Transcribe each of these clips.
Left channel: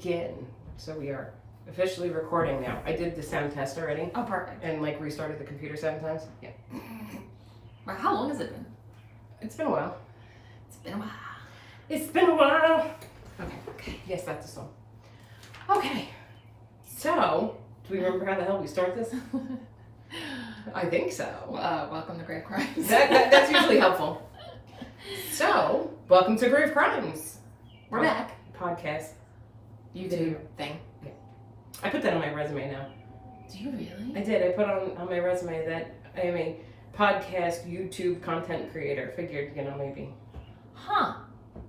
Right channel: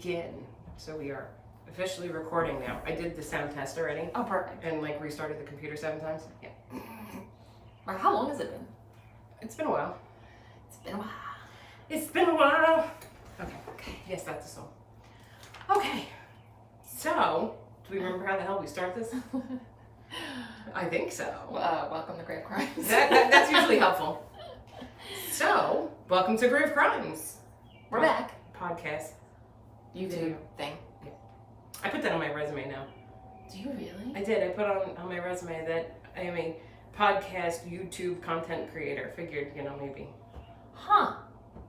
Begin. So we are officially recording now. I did the sound test already. Oh, perfect. And like restarted the computer 7 times. Yeah. Well, how long has it been? It's been a while. It's been a while. It's been a while. Okay. Yes, that's the song. Okay. So, do we remember how the hell we start this? I think so. Welcome to Grave Crimes. That's usually helpful. So, welcome to Grave Crimes. We're back. Podcast. YouTube thing. Yeah. I put that on my resume now. Do you really? I did. I put on my resume that I am a podcast YouTube content creator. Figured, maybe. Huh.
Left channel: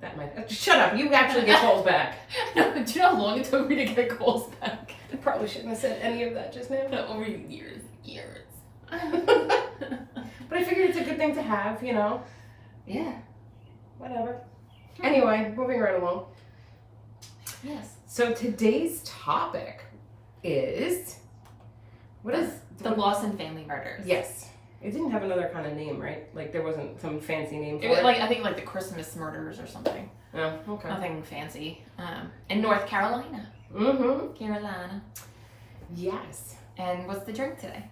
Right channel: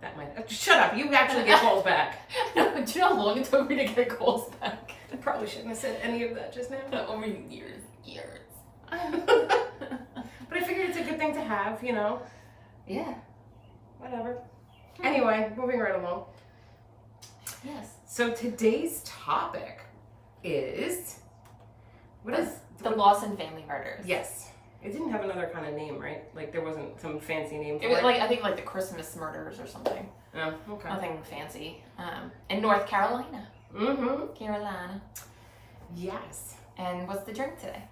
That might. Shut up. You actually get calls back. No, do you know how long it took me to get calls back? I probably shouldn't have said any of that just now. No, over years. But I figured it's a good thing to have, Yeah. Whatever. Anyway, moving right along. Yes. So today's topic is the Lawson Family murders. Yes. It didn't have another kind of name, right? Like there wasn't some fancy name for It was I think the Christmas murders or something. Oh, okay. Nothing fancy. In North Carolina. Mm-hmm. Carolina. Yes. And what's the drink today?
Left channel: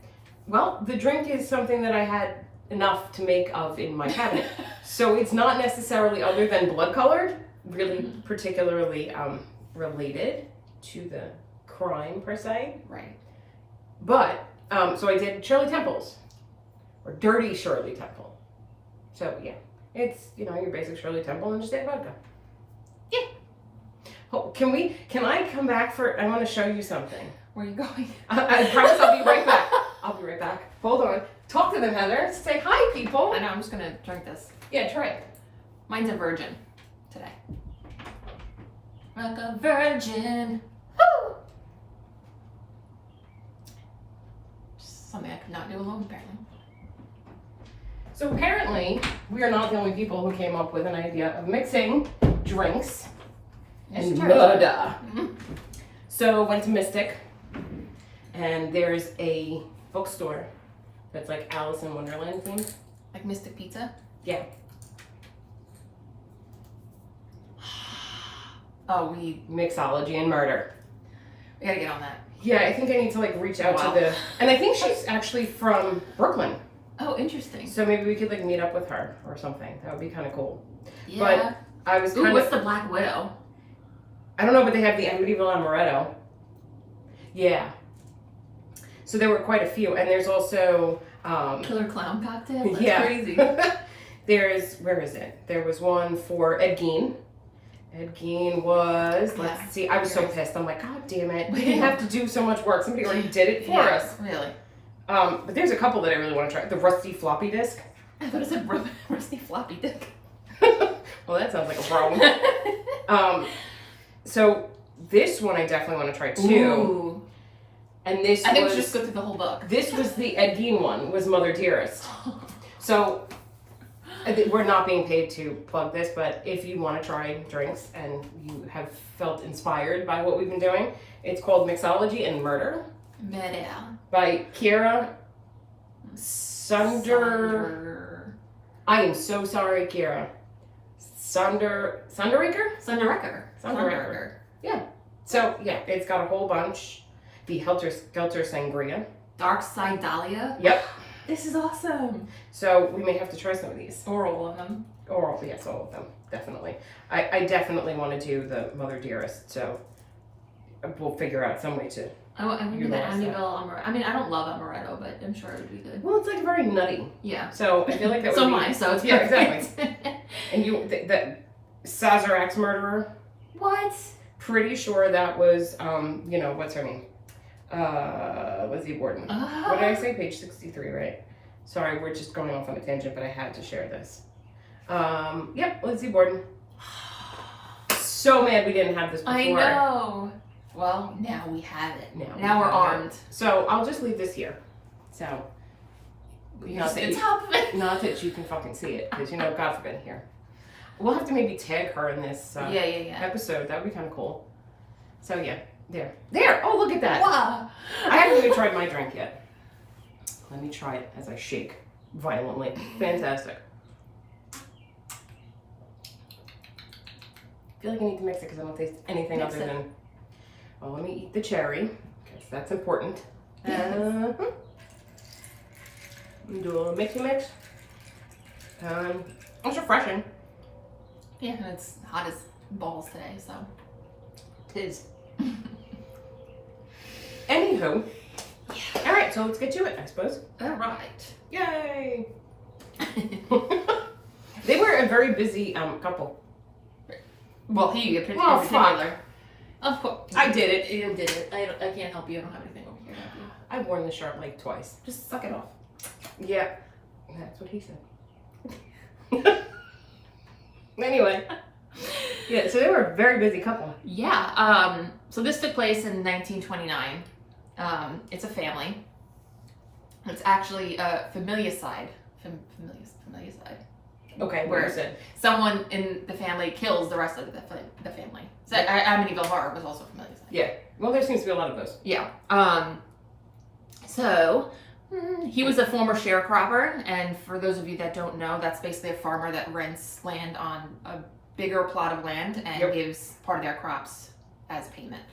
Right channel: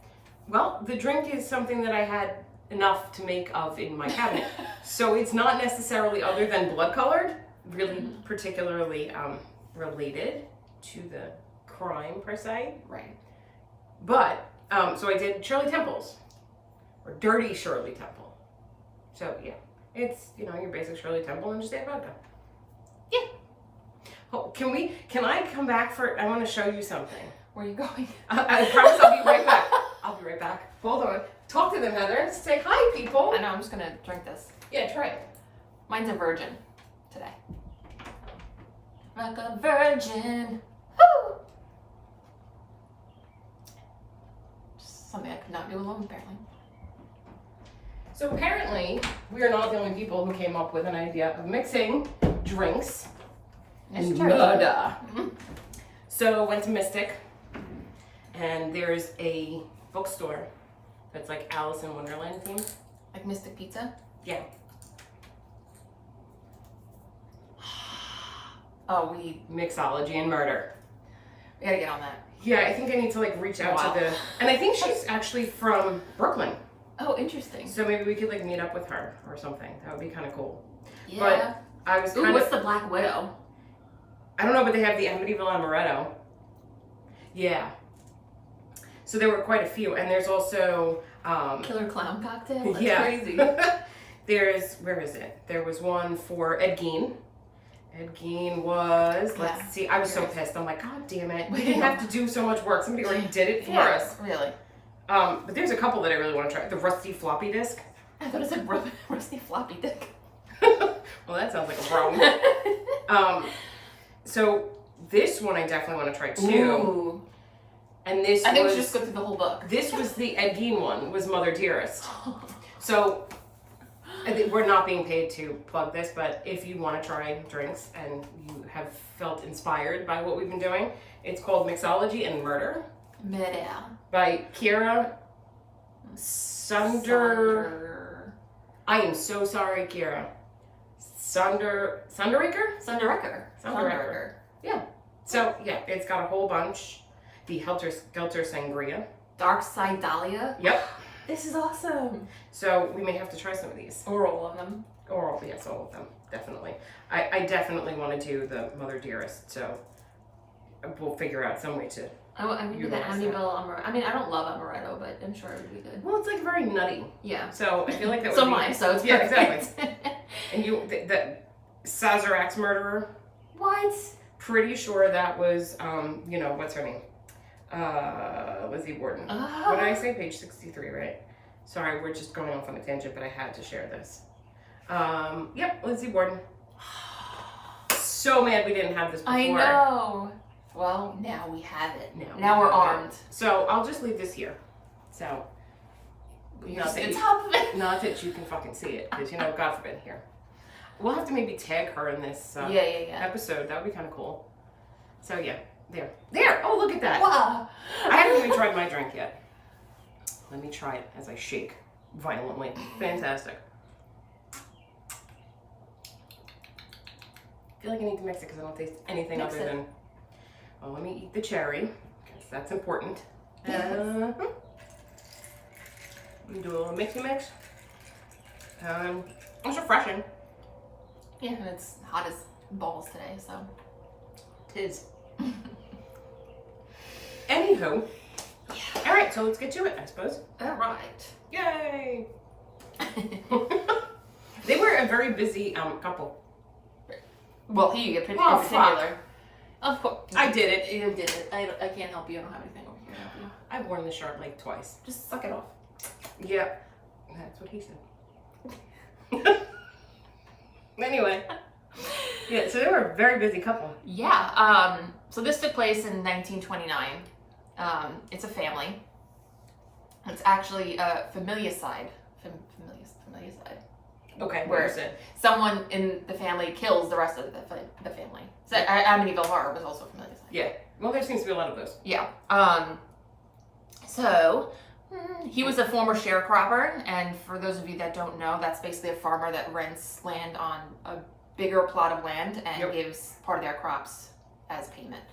Well, the drink is something that I had enough to make of in my cabinet. So it's not necessarily other than blood colored, really particularly related to the crime per se. Right. But, so I did Shirley Temple's, or Dirty Shirley Temple. So yeah, it's, your basic Shirley Temple and just add vodka. Yeah. Oh, can I come back I want to show you something. Where are you going? I promise I'll be right back. I'll be right back. Hold on. Talk to them, Heather. Say hi, people. I know, I'm just going to drink this. Yeah, try it. Mine's a virgin today. Like a virgin. Woo! Just something I could not do alone, apparently. So apparently, we are not the only people who came up with an idea of mixing drinks and murder. Mm-hmm. So went to Mystic, and there's a bookstore that's like Alice in Wonderland themed. Like Mystic Pizza? Yeah. Oh, we Mixology and murder. gotta get on that. Yeah, I think I need to reach out to and I think she's actually from Brooklyn. Oh, interesting. So maybe we could meet up with her or something. That would be kind of cool. Yeah. But I was kind what's the Black Widow? I don't know, but they have the Amityville Amaretto. Yeah. So there were quite a few, and there's also Killer Clown Cocktail? That's yeah. crazy. Where is it? There was one for Ed Gein. Ed Gein was, let's see, I was so pissed. I'm like, God damn it. We didn't have to do so much work. Somebody already did it for us. Really? But there's a couple that I really want to try. The Rusty Floppy Disk. I thought it said Rusty Floppy Dick. Well, that sounds like a problem. So this one I definitely want to try too. Ooh. And this I think just go through the whole book. This was the Ed Gein one, was Mother Dearest. So we're not being paid to plug this, but if you want to try drinks and you have felt inspired by what we've been doing, it's called Mixology and Murder. Murder. By Kira Sunder. I am so sorry, Kira. Sunderecker? Sunderecker. Yeah. So, yeah, it's got a whole bunch. The Helter Skelter Sangria. Dark Side Dahlia. Yep. This is awesome. So, we may have to try some of these. Or all of them. Or, yes, all of them. Definitely. I definitely want to do the Mother Dearest, so we'll figure out some way to. I would do the Amityville Amaretto. I mean, I don't love Amaretto, but I'm sure it would be good. Well, it's very nutty. Yeah. So, I feel like that would so be. mine, so it's yeah, perfect. exactly. And the Sazerac's murderer. What? Pretty sure that was, what's her name? Lizzie Borden. What did I say? Page 63, right? Sorry, we're just going off on a tangent, but I had to share this. Yep, Lizzie Borden. So mad we didn't have this before. I know. Well, now we have it. Now we're armed. So I'll just leave this here. So, not that you can fucking see it, because God forbid here. We'll have to maybe tag her in this episode. That would be kind of cool. So yeah, there. Oh, look at that. Wow. I haven't even tried my drink yet. Let me try it as I shake violently. Fantastic. I feel like I need to mix it because I don't taste anything other than Well, let me eat the cherry, because that's important. Do a little mixy mix. It's refreshing. Yeah, and it's hot as balls today, so. Tis. Anywho. All right, so let's get to it, I suppose. All right. Yay! They were a very busy couple. Well, he in Oh, particular. Of course. I did it. You did it. I can't help you. I don't have anything over here. I've worn the shirt like twice. Just suck it off. Yeah, that's what he said. Anyway, yeah, so they were a very busy couple. Yeah. So this took place in 1929. It's a family. It's actually a familicide. Familicide. Okay, Where what is it? someone in the family kills the rest of the family. So Amityville Horror was also familicide. Yeah. Well, there seems to be a lot of those. Yeah. So he was a former sharecropper, and for those of you that don't know, that's basically a farmer that rents land on a bigger plot of land and gives part of their crops as payment.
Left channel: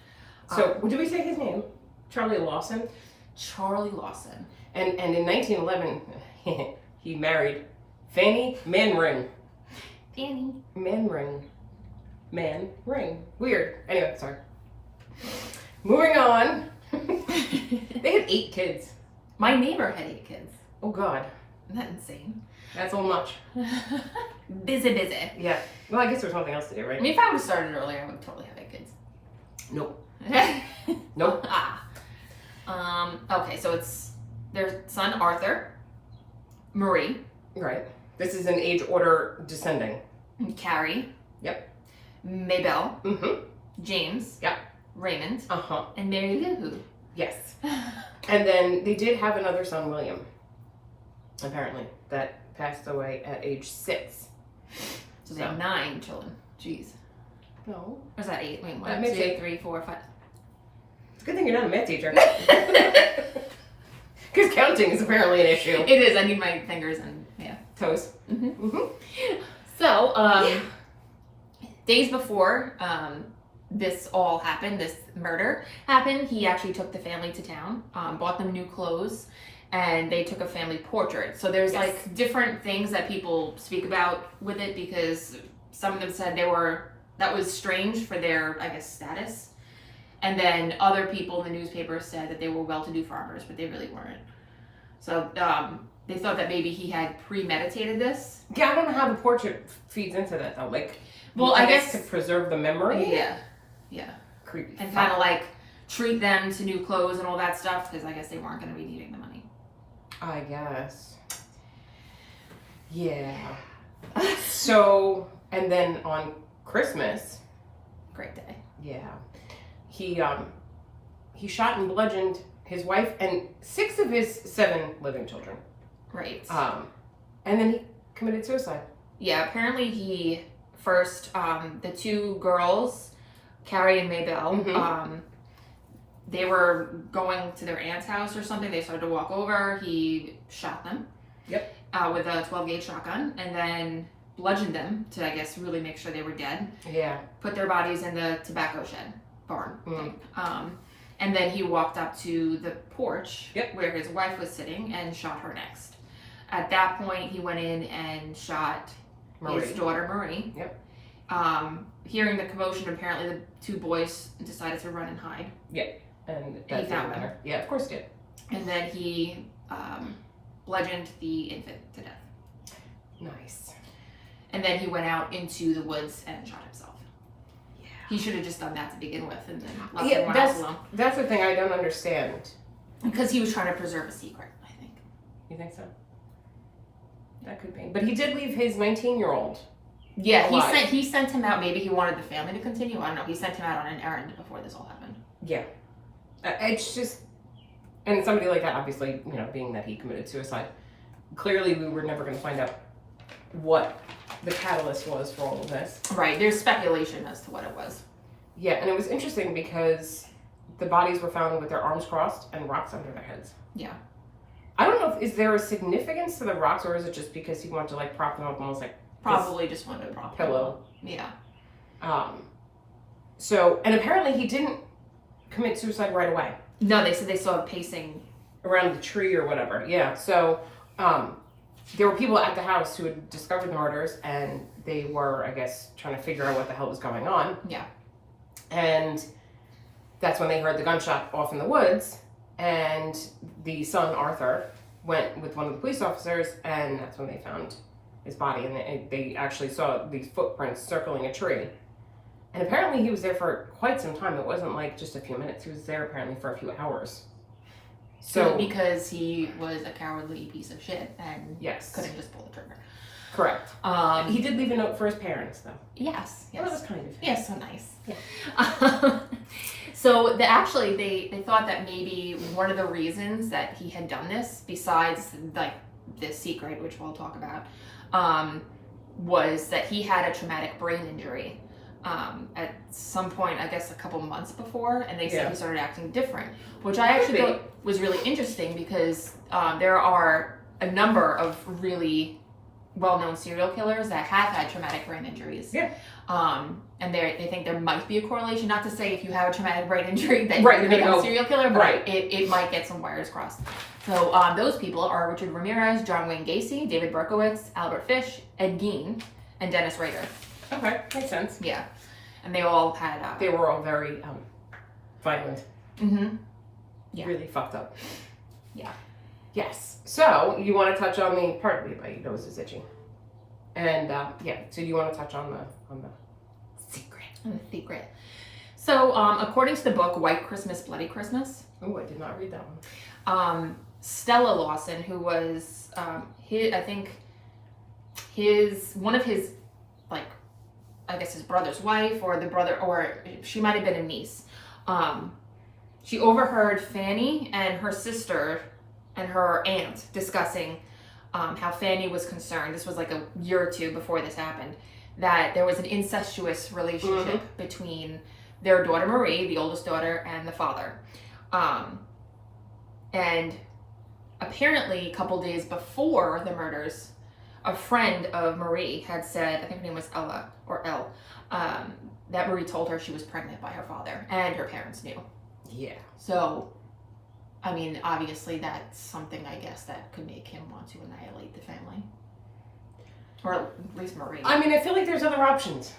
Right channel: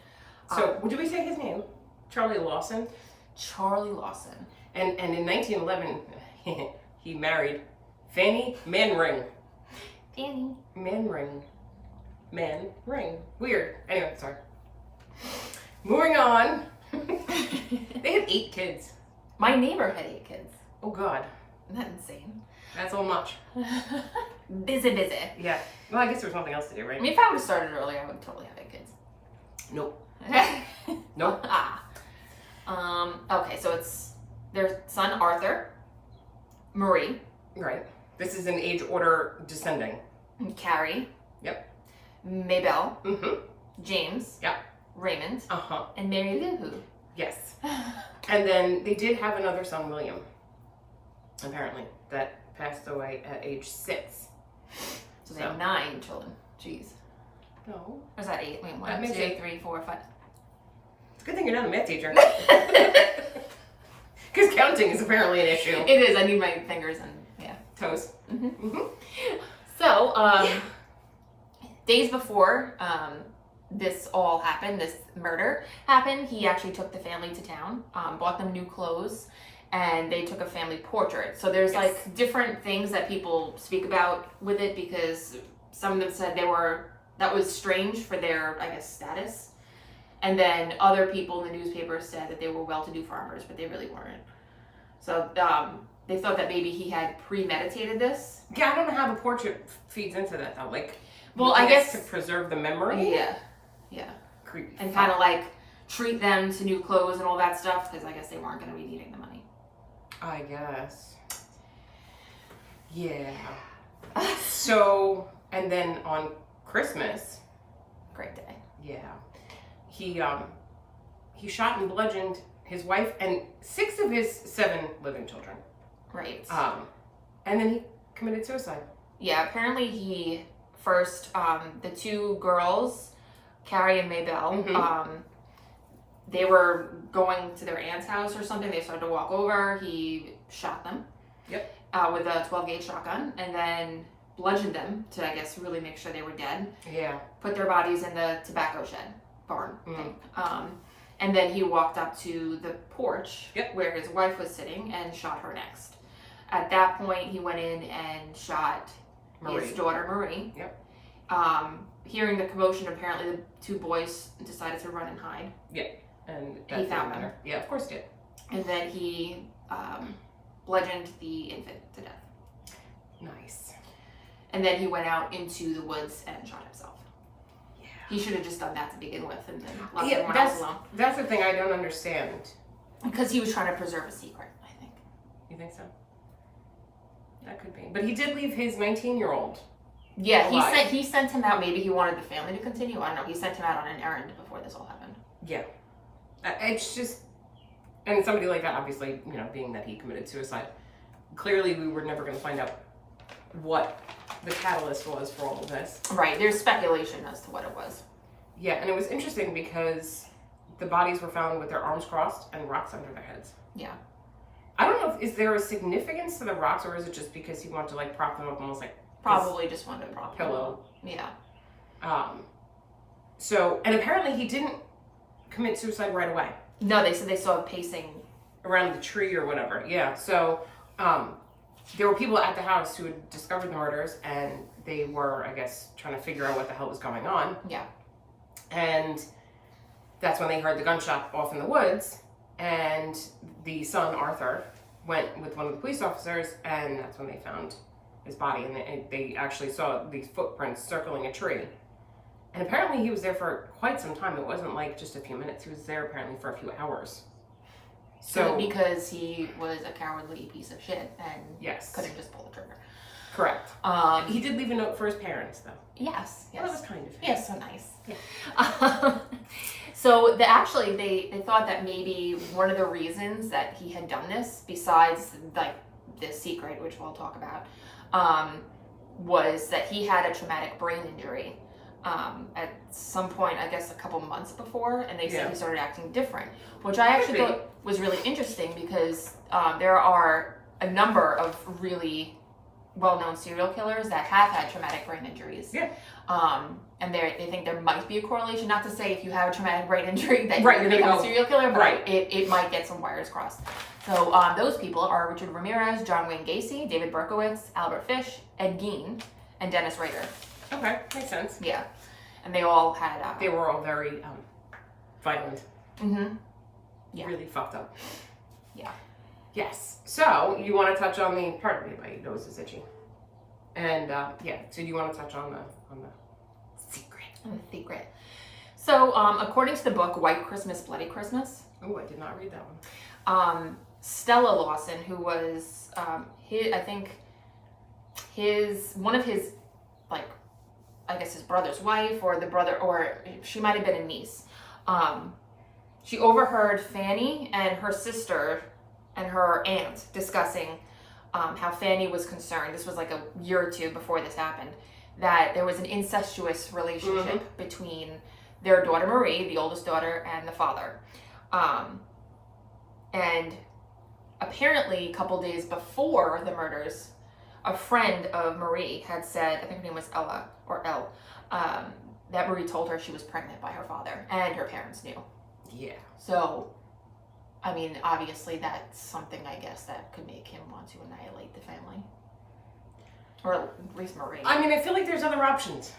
So, did we say his name? Charlie Lawson? Charlie Lawson. And in 1911, he married Fanny Manring. Fanny. Manring. Weird. Anyway, sorry. Moving on. They had 8 kids. My neighbor had 8 kids. Oh, God. Isn't that insane? That's a little much. Busy. Yeah. Well, I guess there's nothing else to do, right? I mean, if I would have started earlier, I would totally have 8 kids. Nope. Nope. Okay, so it's their son Arthur, Marie, Right. This is in age order descending. Carrie. Yep. Maybelle. Mm-hmm. James. Yep. Raymond. Uh-huh. And Mary Lou. Yes. And then they did have another son, William, apparently, that passed away at age 6. So they have 9 children. Jeez. No. Or is that 8? Wait, 1, That 2, makes 8. 3, 4, 5. It's a good thing you're not a math teacher. Because counting is apparently an issue. It is. I need my fingers and, yeah. Toes. Mm-hmm. Mm-hmm. So, days before this all happened, this murder happened, he actually took the family to town, bought them new clothes, and they took a family portrait. So there's like different things that people speak about with it, because some of them said that was strange for their, I guess, status. And then other people in the newspaper said that they were well-to-do farmers, but they really weren't. So they thought that maybe he had premeditated this. Yeah, I don't know how the portrait feeds into that, though. Like, well, I guess to preserve the memory. Yeah. Yeah. Creepy. And kind of like treat them to new clothes and all that stuff, because I guess they weren't going to be needing the money. I guess. Yeah. So, and then on Christmas. Great day. Yeah. He shot and bludgeoned his wife and 6 of his 7 living children. Right. And then he committed suicide. Yeah, apparently he first, the 2 girls, Carrie and Maybelle, they were going to their aunt's house or something. They started to walk over. He shot them. Yep. With a 12-gauge shotgun, and then bludgeoned them to, I guess, really make sure they were dead. Yeah. Put their bodies in the tobacco shed barn thing. And then he walked up to the porch where his wife was sitting and shot her next. At that point, he went in and shot his daughter, Marie. Yep. Hearing the commotion, apparently the 2 boys decided to run and hide. Yeah. And he found them. Yeah, of course he did. And then he bludgeoned the infant to death. Nice. And then he went out into the woods and shot himself. Yeah. He should have just done that to begin with and then left everyone else alone. That's the thing I don't understand. Because he was trying to preserve a secret, I think. You think so? That could be. But he did leave his 19-year-old. Yeah, he sent him out. Maybe he wanted the family to continue. I don't know. He sent him out on an errand before this all happened. Yeah. It's just, and somebody like that, obviously, you know, being that he committed suicide, clearly we were never going to find out what the catalyst was for all of this. Right. There's speculation as to what it was. Yeah, and it was interesting because the bodies were found with their arms crossed and rocks under their heads. Yeah. I don't know, is there a significance to the rocks, or is it just because he wanted to, like, prop them up almost like probably just wanted to prop pillow? Yeah. So, and apparently he didn't commit suicide right away. No, they said they saw him pacing around the tree or whatever. Yeah. So there were people at the house who had discovered the murders, and they were, I guess, trying to figure out what the hell was going on. Yeah. And that's when they heard the gunshot off in the woods, and the son, Arthur, went with one of the police officers, and that's when they found his body, and they actually saw these footprints circling a tree. And apparently he was there for quite some time. It wasn't like just a few minutes. He was there apparently for a few hours. So because he was a cowardly piece of shit and yes, couldn't just pull the trigger. Correct. He did leave a note for his parents, though. Yes. Well, that was kind of yes, so nice. Yeah. So they thought that maybe one of the reasons that he had done this, besides like this secret, which we'll talk about, was that he had a traumatic brain injury at some point, I guess a couple months before, and they said he started acting different, which I actually thought was really interesting because there are a number of really well-known serial killers that have had traumatic brain injuries. Yeah. And they think there might be a correlation, not to say if you have a traumatic brain injury that you're going to become a serial killer, but it might get some wires crossed. So those people are Richard Ramirez, John Wayne Gacy, David Berkowitz, Albert Fish, Ed Gein, and Dennis Rader. Okay, makes sense. Yeah. And they all had... they were all very violent. Mm-hmm. Yeah. Really fucked up. Yeah. Yes. So, you want to touch on the, pardon me, my nose is itchy. And, so you want to touch on the secret. On the secret. So, according to the book, White Christmas, Bloody Christmas. Oh, I did not read that one. Stella Lawson, who was, one of his, like, I guess his brother's wife, or the brother, or she might have been a niece. She overheard Fanny and her sister and her aunt discussing how Fanny was concerned. This was like a year or two before this happened, that there was an incestuous relationship between their daughter Marie, the oldest daughter, and the father. And apparently, a couple days before the murders, a friend of Marie had said, I think her name was Ella, or Elle, that Marie told her she was pregnant by her father, and her parents knew. Yeah. So, I mean, obviously that's something, I guess, that could make him want to annihilate the family. Or at least Marie. I mean, I feel like there's other options.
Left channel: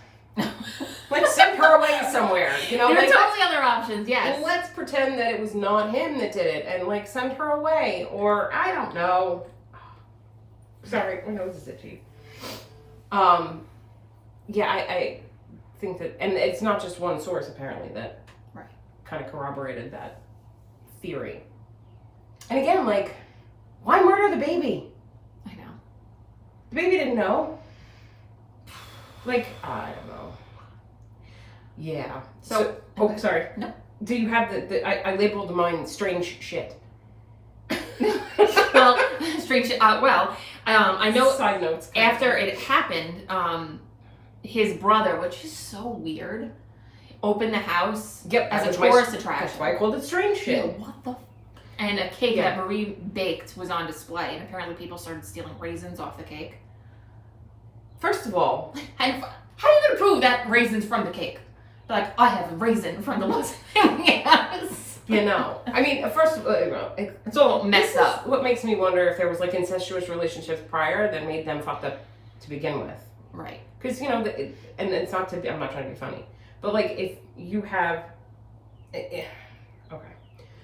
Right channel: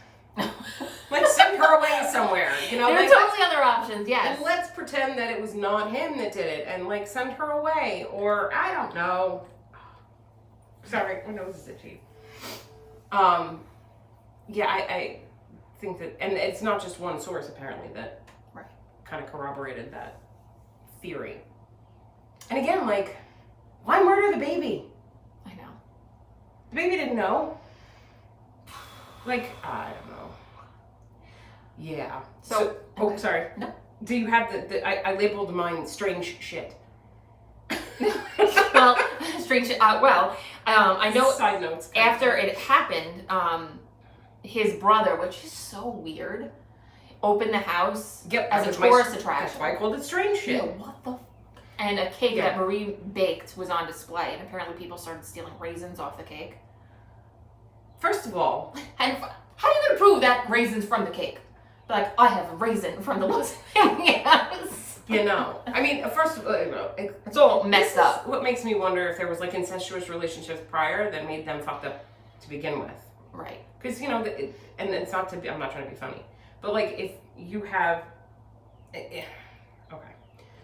Like, send her away somewhere. You know, there like, are totally other options, yes. Let's pretend that it was not him that did it, and, like, send her away. Or, I don't know. Sorry, my nose is itchy. Yeah, I think that, and it's not just one source, apparently, that kind of corroborated that theory. And again, like, why murder the baby? I know. The baby didn't know. Like, I don't know. Yeah. So oh, sorry. No. Do you have I labeled mine strange shit. Well, strange shit. I know side notes. After it happened, his brother, which is so weird, opened the house as a tourist attraction. That's why I called it strange shit. Yeah, what the? And a cake that Marie baked was on display, and apparently people started stealing raisins off the cake. First of all, and how are you gonna prove that raisins from the cake? Like, I have a raisin from the Lawson Family house. You know, I mean, first of all, you know, it's all messed up. What makes me wonder if there was like incestuous relationships prior that made them fucked up to begin with. Right. Because, you know, and it's not to be, I'm not trying to be funny, but like if you have, okay.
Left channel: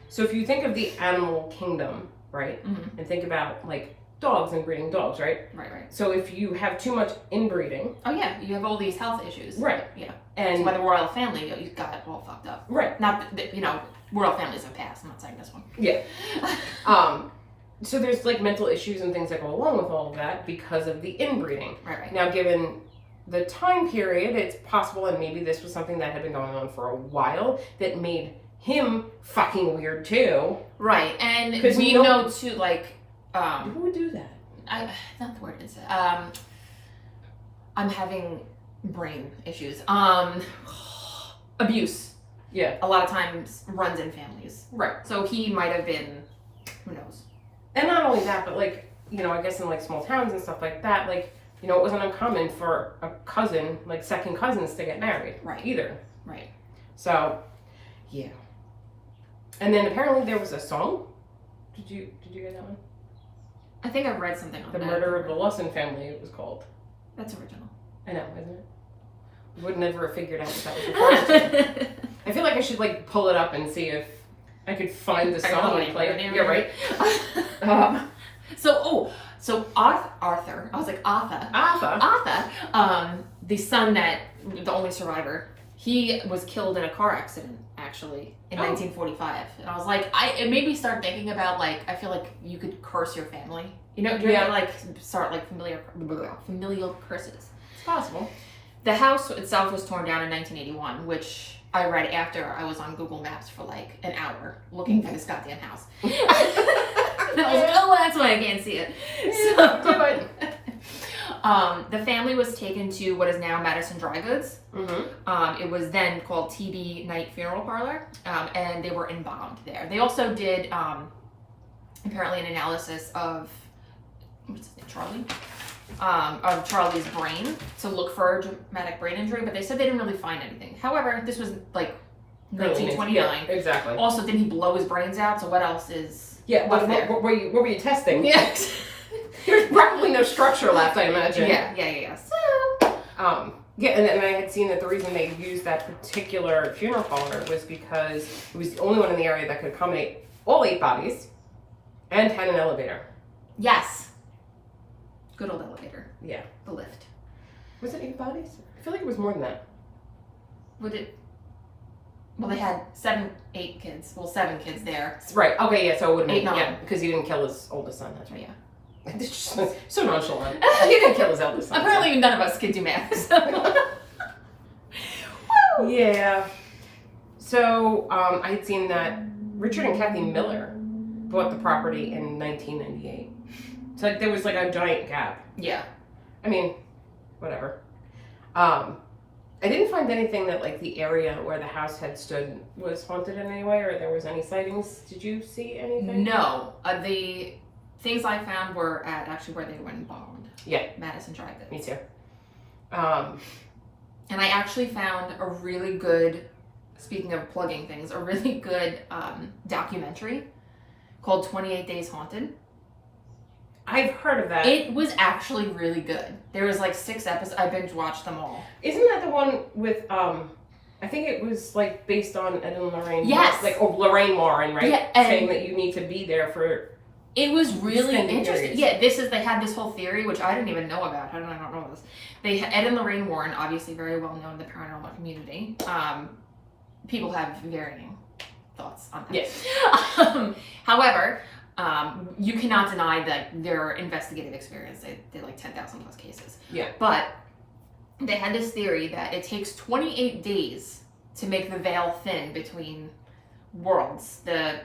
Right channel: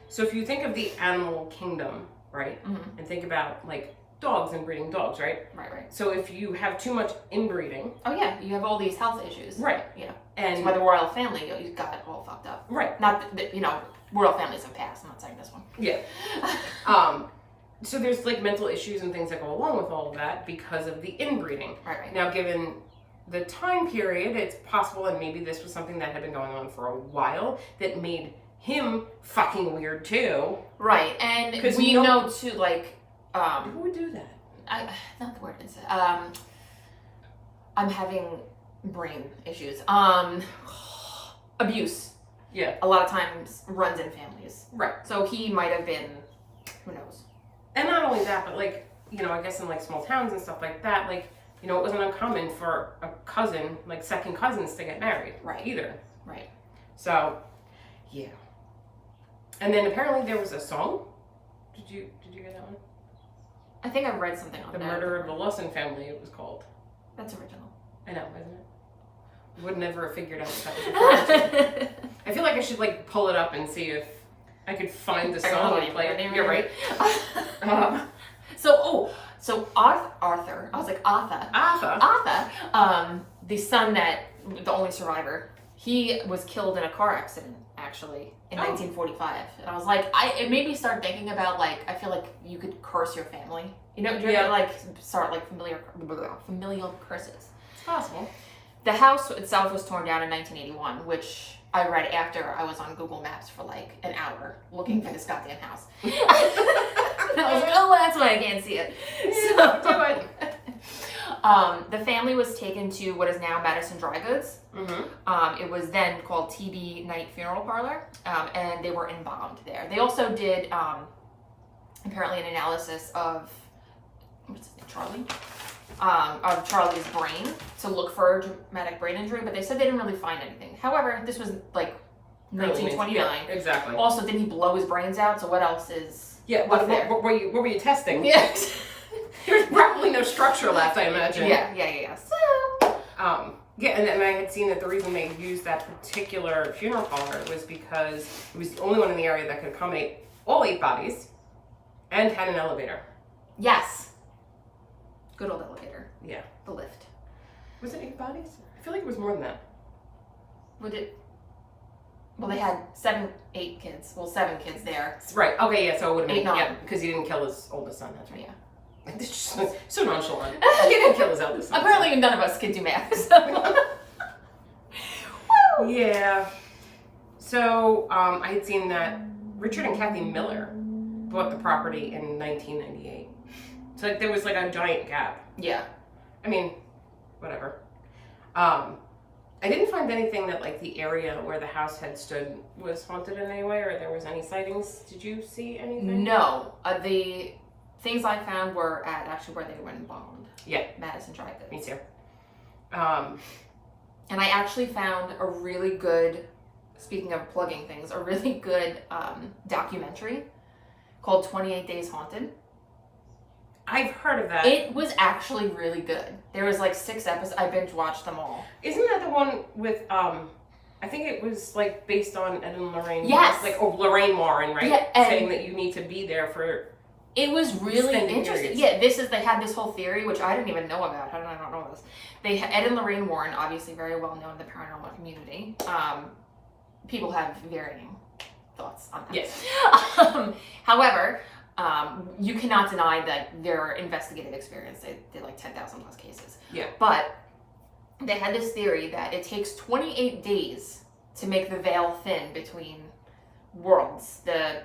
So if you think of the animal kingdom, right? Mm-hmm. And think about like dogs and breeding dogs, right? Right. So if you have too much inbreeding. Oh yeah, you have all these health issues. Right. Yeah. And that's why the royal family, you got it all fucked up. Right. Not that, you know, royal families have passed. I'm not saying this one. Yeah. So there's like mental issues and things that go along with all of that because of the inbreeding. Right. Now, given the time period, it's possible, and maybe this was something that had been going on for a while, that made him fucking weird too. Right, and we know too, like, who would do that? Not the word it's I'm having brain issues. Abuse. Yeah. A lot of times runs in families. Right. So he might have been, who knows. And not only that, but like, you know, I guess in like small towns and stuff like that, like, you know, it wasn't uncommon for a cousin, like second cousins, to get married. Right. Either. Right. So, yeah. And then apparently there was a song. Did you get that one? I think I read something on The that. Murder of the Lawson Family, it was called. That's original. I know, isn't it? Would never have figured out what that was referring to. I feel like I should like pull it up and see if I could find the song and play it. You're right. So Arthur. I was like Arthur. Arthur. The son the only survivor. He was killed in a car accident, actually, in 1945. And I was like, it made me start thinking about, like, I feel like you could curse your family. You know, you're gonna, like, start, like, familial curses. It's possible. The house itself was torn down in 1981, which I read after I was on Google Maps for, like, an hour looking for this goddamn house. And I was like, oh, well, that's why I can't see it. The family was taken to what is now Madison Dry Goods. Mm-hmm. It was then called TD Night Funeral Parlor, and they were embalmed there. They also did apparently an analysis of Charlie's brain to look for a dramatic brain injury, but they said they didn't really find anything. However, this was like 1929. Yeah, exactly. Also, didn't he blow his brains out? So what else is? Yeah. What were you testing? Yes. There's probably no structure left, I imagine. Yeah. So, and I had seen that the reason they used that particular funeral parlor was because it was the only one in the area that could accommodate all 8 bodies and had an elevator. Yes. Good old elevator. Yeah. The lift. Was it 8 bodies? I feel like it was more than that. Would it? Well, they had 7 kids. Well, 7 kids there. Right. Okay. Yeah. So it would have been 8, 9. Yeah, because he didn't kill his oldest son. That's right. Yeah. So nonchalant. He didn't kill his eldest son. Apparently, none of us can do math. So. Yeah. So I had seen that Richard and Kathy Miller bought the property in 1998. So like there was like a giant gap. Yeah. I mean, whatever. I didn't find anything that like the area where the house had stood was haunted in any way, or there was any sightings. Did you see anything? No. The things I found were at actually where they went and bombed. Yeah. Madison Dry Goods. Me too. And I actually found a really good, speaking of plugging things, a really good documentary called 28 Days Haunted. I've heard of that. It was actually really good. There was like 6 episodes. I binge watched them all. Isn't that the one with I think it was like based on Ed and Lorraine. Yes. Like Lorraine Warren, right? Yeah, saying that you need to be there for. It was really interesting. Periods. Yeah, they had this whole theory, which I didn't even know about. How did I not know this? Ed and Lorraine Warren, obviously very well known in the paranormal community. People have varying thoughts on that. Yes. However, you cannot deny that their investigative experience. They did like 10,000 plus cases. Yeah. But they had this theory that it takes 28 days to make the veil thin between worlds. The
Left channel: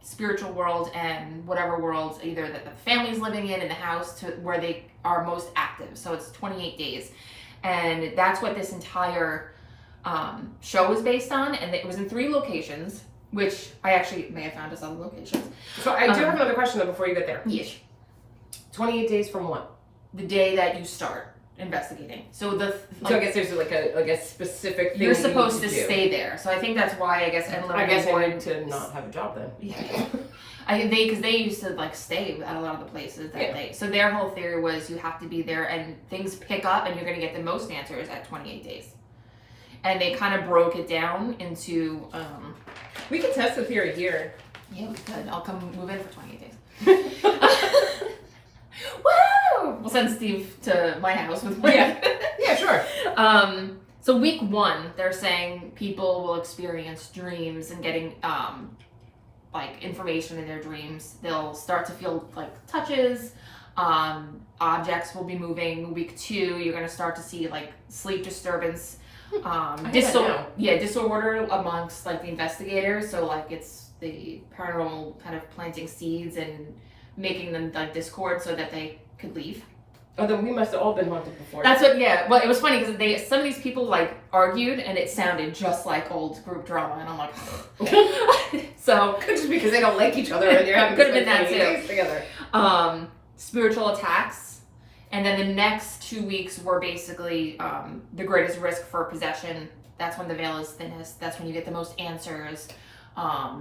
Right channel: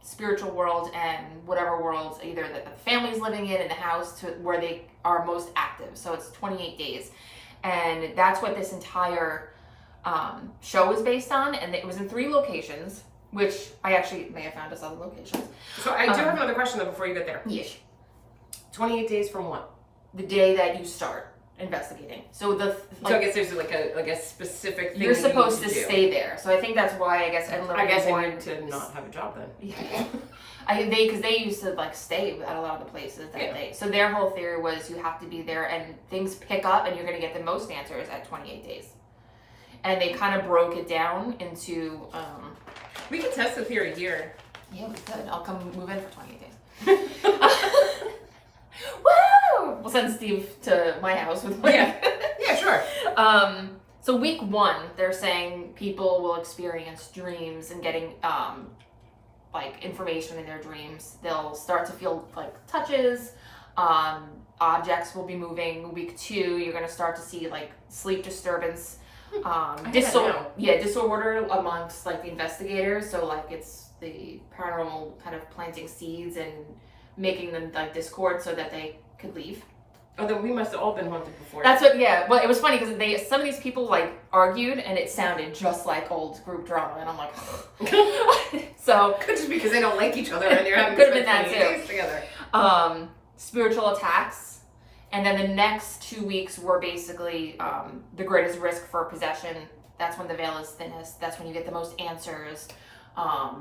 spiritual world and whatever worlds either that the family's living in the house to where they are most active. So it's 28 days. And that's what this entire show is based on. And it was in 3 locations, which I actually may have found as other locations. So I do have another question though before you get there. Yes. 28 days from what? The day that you start investigating. So so I guess there's like a specific thing you're supposed to do. stay there. So I think that's why I guess I guess I wanted to not have a job then. Yeah. Because they used to like stay at a lot of the places that day. So their whole theory was you have to be there and things pick up and you're going to get the most answers at 28 days. And they kind of broke it down into. We can test the theory here. Yeah, we could. I'll come move in for 28 days. Woo! We'll send Steve to my house with me. Yeah, sure. So week 1, they're saying people will experience dreams and getting like information in their dreams. They'll start to feel like touches. Objects will be moving. Week 2, you're going to start to see like sleep disturbance. Disorder amongst like the investigators. So like it's the paranormal kind of planting seeds and making them like discord so that they could leave. Oh, then we must have all been haunted before. That's what. Yeah. Well, it was funny because some of these people like argued and it sounded just like old group drama, and I'm like, so could just because they don't like each other and you're having could have been that too. Together. Spiritual attacks. And then the next 2 weeks were basically the greatest risk for possession. That's when the veil is thinnest. That's when you get the most answers.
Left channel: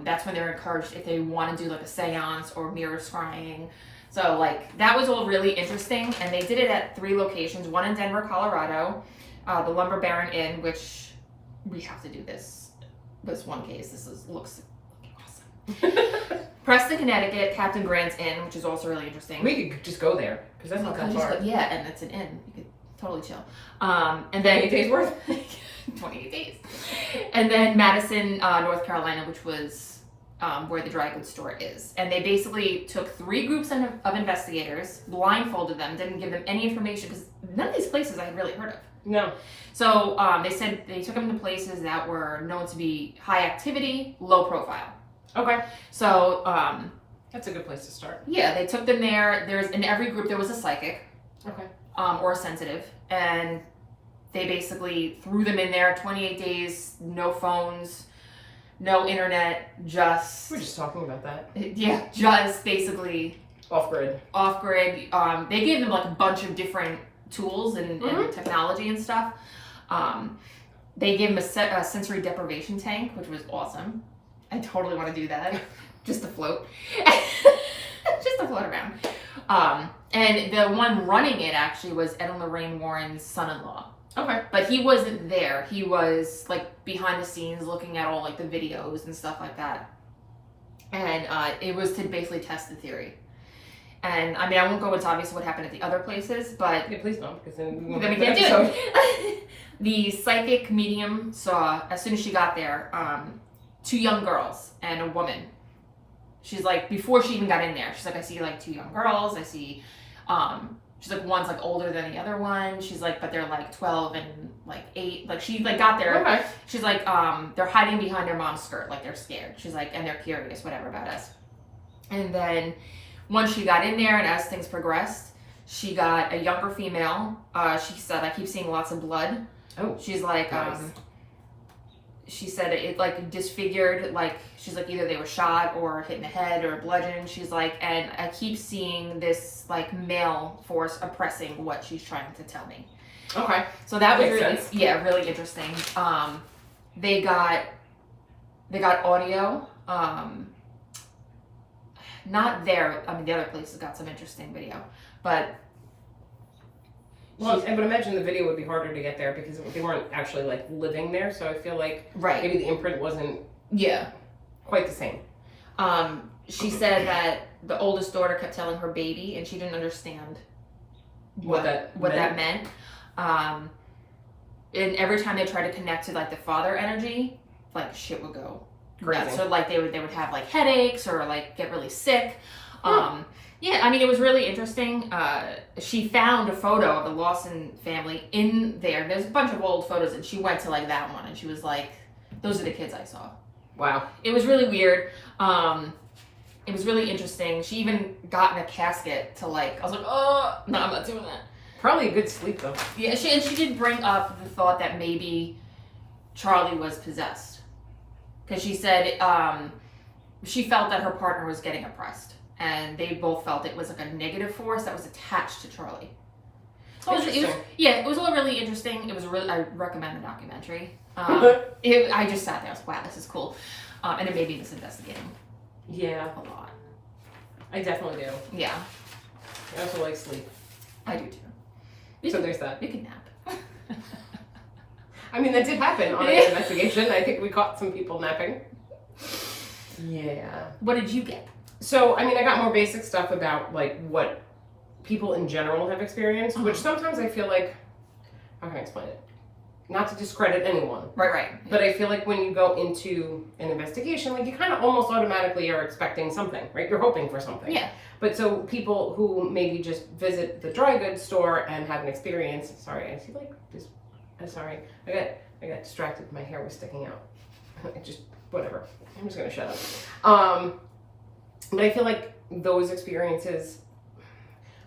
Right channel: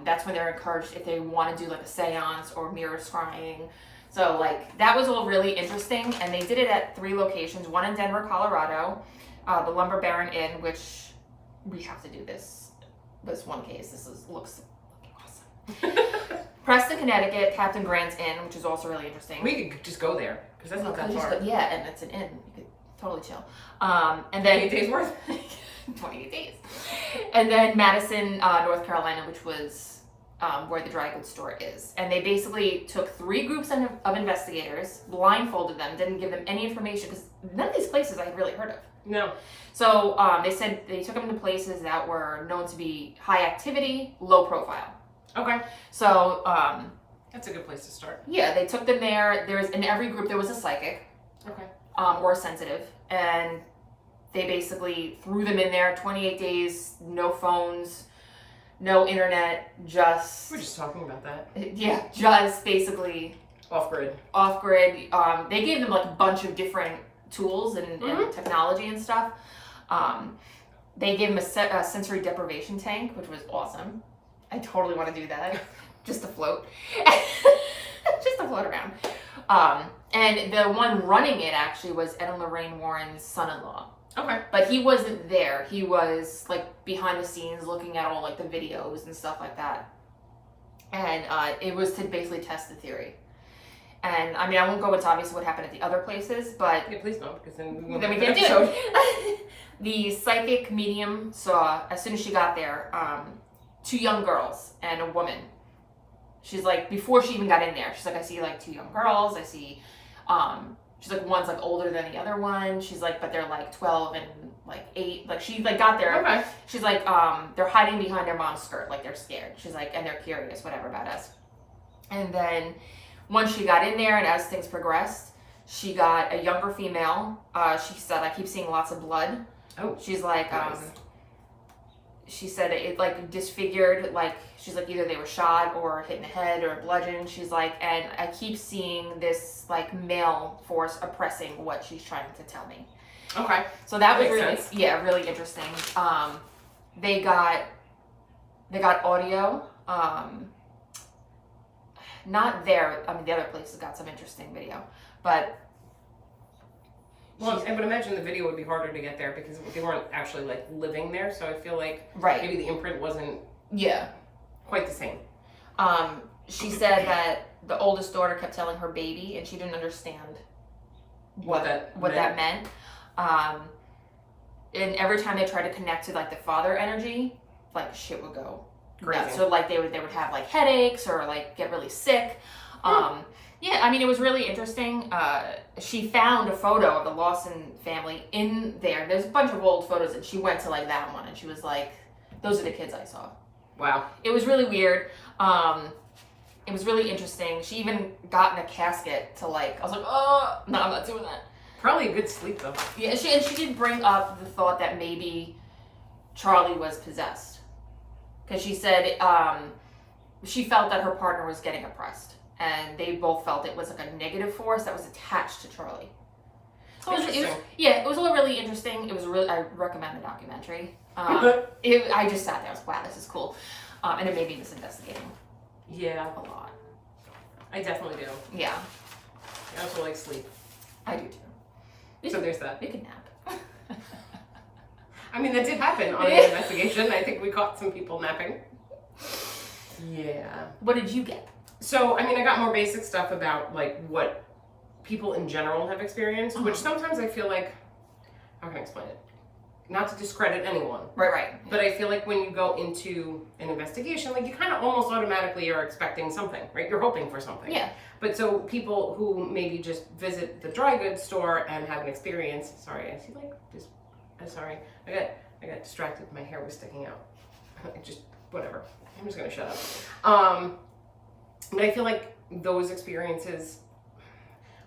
That's when they're encouraged if they want to do like a seance or mirror scrying. So like that was all really interesting, and they did it at 3 locations. One in Denver, Colorado, the Lumber Baron Inn, which we have to do this one case. Looks awesome. Preston, Connecticut, Captain Grant's Inn, which is also really interesting. We could just go there because that's not that far. Yeah, and it's an inn. You could totally chill. And then 8 days worth. 28 days. And then Madison, North Carolina, which was where the dry goods store is. And they basically took 3 groups of investigators, blindfolded them, didn't give them any information because none of these places I had really heard of. No. So they said they took them to places that were known to be high activity, low profile. Okay. So that's a good place to start. Yeah, they took them there. In every group there was a psychic. Okay. Or a sensitive, and they basically threw them in there. 28 days, no phones, no internet, just... We're just talking about that. Yeah, just basically... Off-grid. They gave them like a bunch of different tools and technology and stuff. They gave them a sensory deprivation tank, which was awesome. I totally want to do that. Just to float. Just to float around. And the one running it actually was Ed and Lorraine Warren's son-in-law. Okay. But he wasn't there. He was like behind the scenes looking at all like the videos and stuff like that. And it was to basically test the theory. And I mean, I won't go into obviously what happened at the other places, but... Yeah, please don't, because then we can't do it. The psychic medium saw, as soon as she got there, 2 young girls and a woman. She's like, before she even got in there, she's like, I see like 2 young girls. I see, she's like, one's like older than the other one. She's like, but they're like 12 and like 8. Like she like got there. Okay. She's like, they're hiding behind their mom's skirt. Like they're scared. She's like, and they're curious, whatever about us. And then once she got in there and as things progressed, she got a younger female. She said, I keep seeing lots of blood. Oh. She's like, nice. She said it like disfigured, like she's like either they were shot or hit in the head or bludgeoned. She's like, and I keep seeing this like male force oppressing what she's trying to tell me. Okay. So that was Makes really sense. really interesting. They got audio. Not there. I mean, the other places got some interesting video, but. Well, I would imagine the video would be harder to get there because they weren't actually like living there. So I feel like maybe the imprint wasn't quite the same. She said that the oldest daughter kept telling her baby, and she didn't understand what that meant. And every time they tried to connect to like the father energy, like shit would go crazy. So like they would have like headaches or like get really sick. Yeah, I mean, it was really interesting. She found a photo of the Lawson family in there. There's a bunch of old photos, and she went to like that one, and she was like, "Those are the kids I saw." Wow. It was really weird. It was really interesting. She even got in a casket to like. I was like, "Oh, no, I'm not doing that." Probably a good sleep though. Yeah, she did bring up the thought that maybe Charlie was possessed, because she said she felt that her partner was getting oppressed. And they both felt it was like a negative force that was attached to Charlie. So it was all really interesting. It was I recommend the documentary. I just sat there. I was like, wow, this is cool. And it made me miss investigating. Yeah. A lot. I definitely do. Yeah. I also like sleep. I do too. So there's that. We can nap. I mean, that did happen on an investigation. I think we caught some people napping. Yeah. What did you get? So, I mean, I got more basic stuff about, like, what people in general have experienced, which sometimes I feel like, how can I explain it? Not to discredit anyone. Right. But I feel like when you go into an investigation, like, you kind of almost automatically are expecting something, right? You're hoping for something. Yeah. But so people who maybe just visit the dry goods store and have an experience, sorry, I see, like, this, I'm sorry. I got distracted. My hair was sticking out. Whatever. I'm just going to shut up. But I feel like those experiences,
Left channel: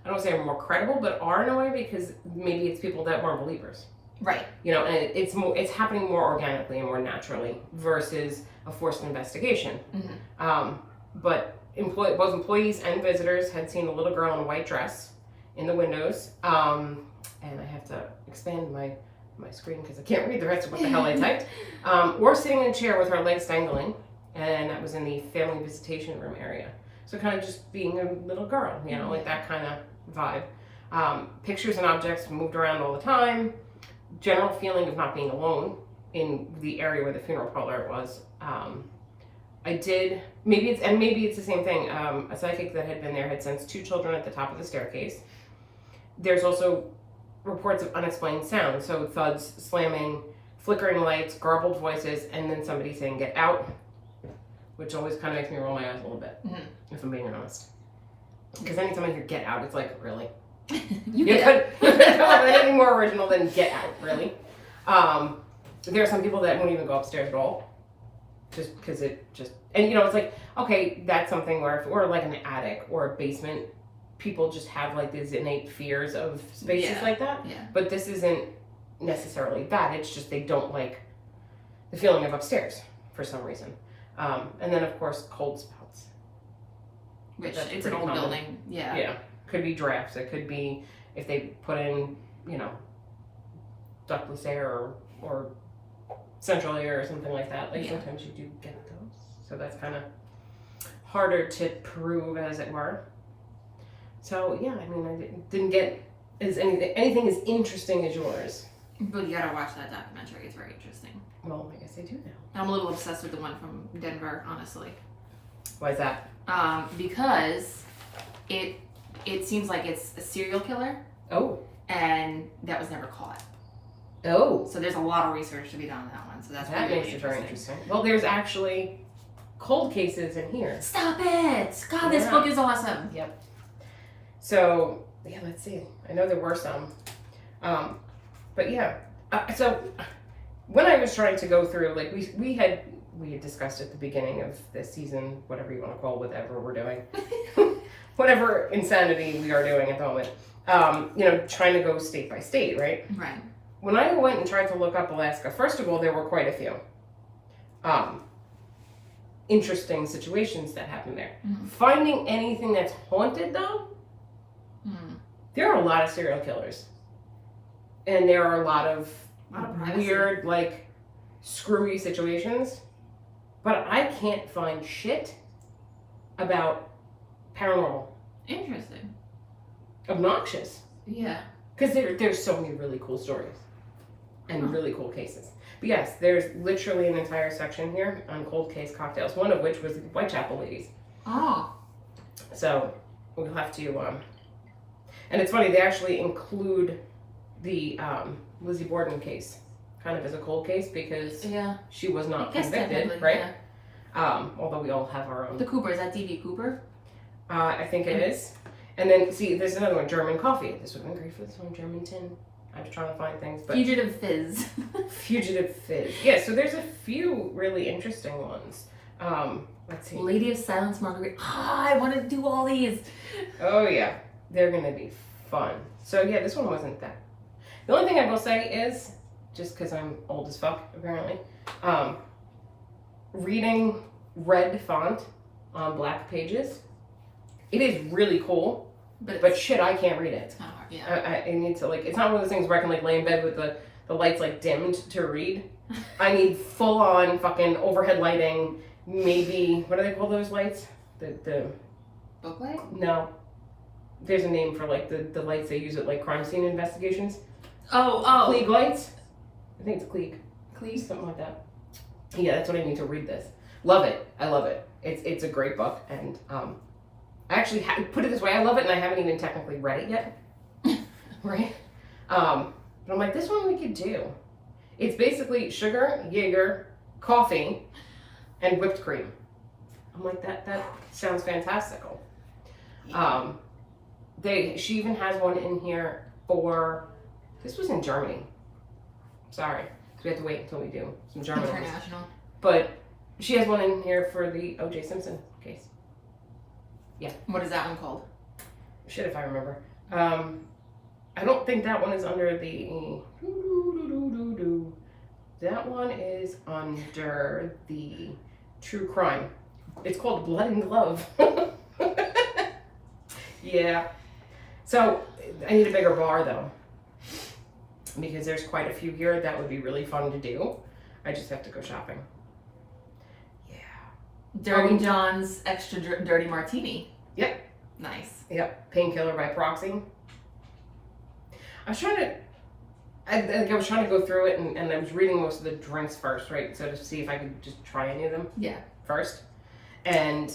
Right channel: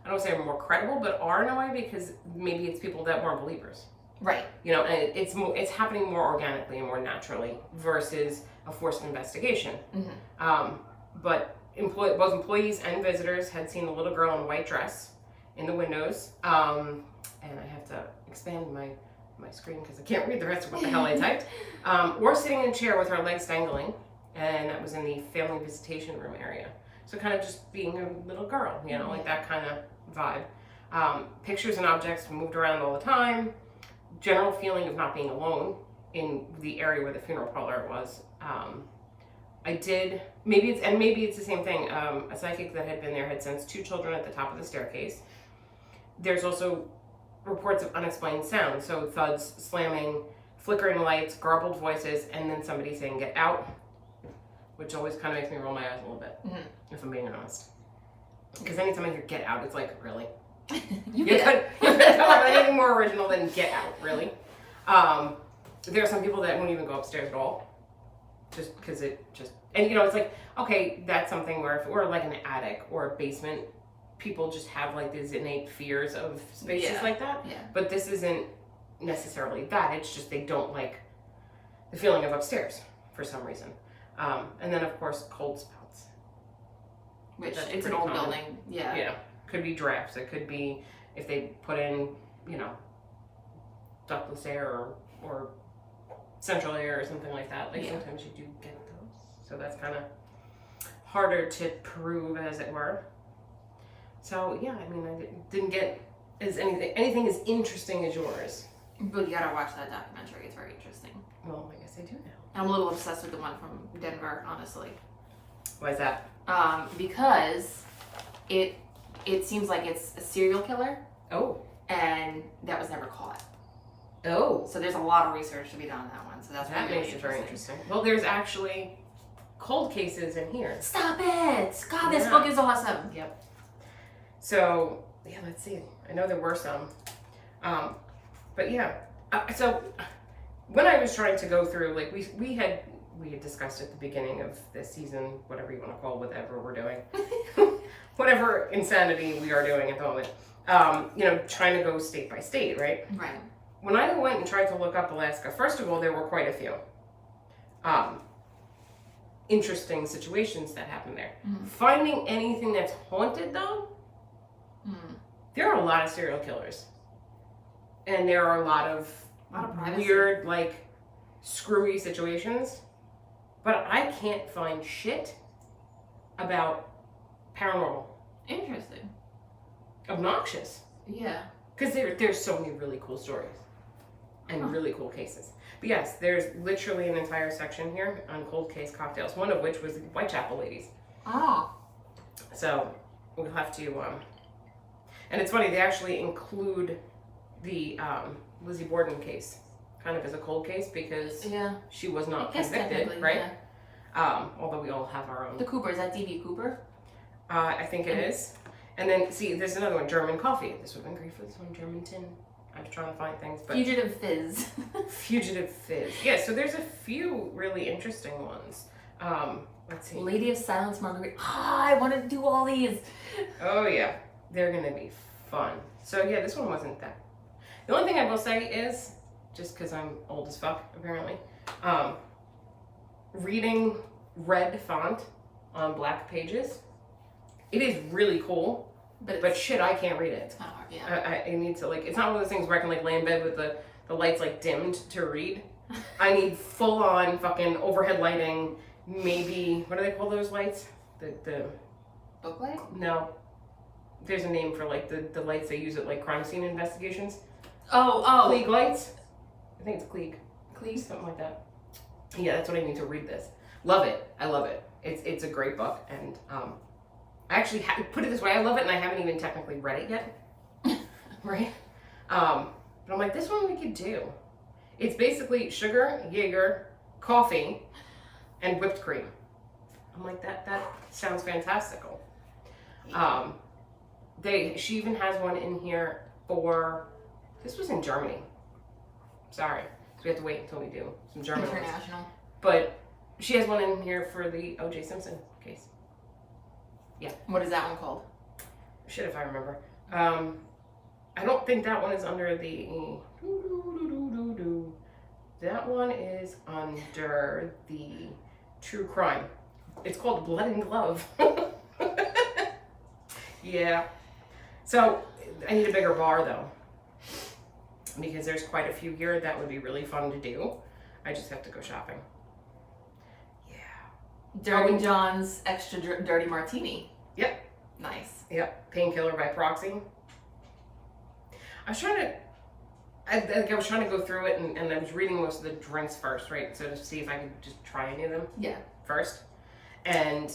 I don't want to say are more credible, but are in a way because maybe it's people that weren't believers. Right. You know, and it's happening more organically and more naturally versus a forced investigation. Mm-hmm. But both employees and visitors had seen a little girl in a white dress in the windows. And I have to expand my screen because I can't read the rest of what the hell I typed. Or sitting in a chair with her legs dangling. and that was in the family visitation room area. So kind of just being a little girl, you know, like that kind of vibe. Pictures and objects moved around all the time. General feeling of not being alone in the area where the funeral parlor was. Maybe it's the same thing. A psychic that had been there had sensed 2 children at the top of the staircase. There's also reports of unexplained sounds, so thuds, slamming, flickering lights, garbled voices, and then somebody saying "get out," which always kind of makes me roll my eyes a little bit, if I'm being honest. Because anytime I hear "get out," it's like, really? You could come up with anything more original than "get out," really? There are some people that won't even go upstairs at all, just because and you know, it's like, okay, that's something where if it were like an attic or a basement, people just have like these innate fears of spaces like that. Yeah. But this isn't necessarily that. It's just they don't like the feeling of upstairs for some reason. And then of course cold spouts. Which it's an old common building. Yeah. Yeah. Could be drafts. It could be if they put in, you know, ductless air or central air or something like that. Like sometimes you do get those. So that's kind of harder to prove, as it were. So yeah, I mean, I didn't get anything as interesting as yours. But you gotta watch that documentary. It's very interesting. Well, I guess I do now. I'm a little obsessed with the one from Denver, honestly. Why is that? Because it seems like it's a serial killer. Oh. And that was never caught. Oh. So there's a lot of research to be done on that one. So that makes it very interesting. Well, there's actually cold cases in here. Stop it! God, this book is awesome. Yep. So, yeah, let's see. I know there were some. But yeah. So, when I was trying to go through, like, we had discussed at the beginning of this season, whatever you want to call whatever we're doing. Whatever insanity we are doing at the moment. You know, trying to go state by state, right? Right. When I went and tried to look up Alaska, first of all, there were quite a few interesting situations that happened there. Finding anything that's haunted, though, there are a lot of serial killers. And there are a lot of weird, like, screwy situations. But I can't find shit about paranormal. Interesting. Obnoxious. Yeah. Because there's so many really cool stories. And really cool cases. But yes, there's literally an entire section here on cold case cocktails, one of which was the Whitechapel ladies. Oh. So we'll have to, and it's funny, they actually include the Lizzie Borden case kind of as a cold case because she was not convicted, right? Yeah. Although we all have our own. The Cooper, is that D.B. Cooper? I think it is. And then, see, there's another one, German coffee. This would have been great for this one, German tin. I was trying to find things. But Fugitive Fizz. Fugitive Fizz. Yeah, so there's a few really interesting ones. Let's see. Lady of Silence Marguerite. I want to do all these. Oh, yeah. They're going to be fun. So, yeah, this one wasn't that. The only thing I will say is, just because I'm old as fuck, apparently, reading red font on black pages, it is really cool. But shit, I can't read it. It's not hard, yeah. I need to, like, it's not one of those things where I can, like, lay in bed with the lights, like, dimmed to read. I need full-on fucking overhead lighting, maybe, what do they call those lights? The book light? No. There's a name for, like, the lights they use at, like, crime scene investigations. Oh. Klieg lights? I think it's Klieg. Klieg, something like that. Yeah, that's what I need to read this. Love it. I love it. It's a great book, and, I actually put it this way, I love it and I haven't even technically read it yet, right? But I'm like, this one we could do. It's basically sugar, Jaeger, coffee, and whipped cream. I'm like, that sounds fantastical. She even has one in here for, this was in Germany. Sorry, so we have to wait until we do some German ones. International. But she has one in here for the O.J. Simpson case. Yeah. What is that one called? Shit, if I remember. I don't think that one is under the. That one is under the true crime. It's called Blood and Glove. Yeah. So I need a bigger bar though, because there's quite a few here that would be really fun to do. I just have to go shopping. Yeah. Dirty John's extra dirty martini. Yep. Nice. Yep. Painkiller by proxy. I was trying to go through it, and I was reading most of the drinks first, right? So to see if I could just try any of them. Yeah. First. And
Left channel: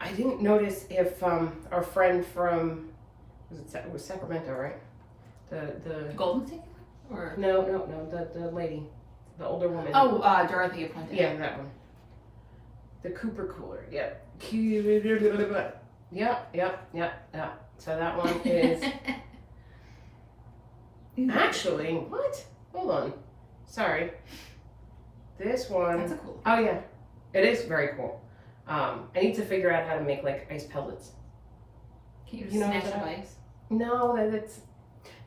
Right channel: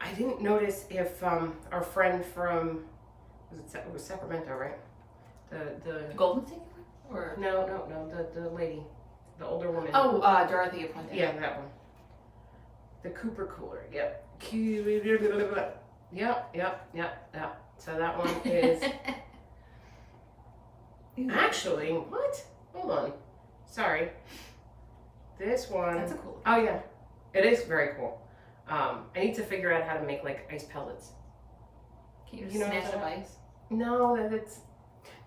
I didn't notice if our friend from, it was Sacramento, right? The Golden Tequila? Or No, the lady, the older woman. Oh, Dorothy Appointed. Yeah, that one. The Cooper Cooler. Yep. Yep. So that one is actually what? Hold on. Sorry. This one. That's a cool. Oh yeah, it is very cool. I need to figure out how to make like ice pellets. Can you just You know smash that? up ice? No, that's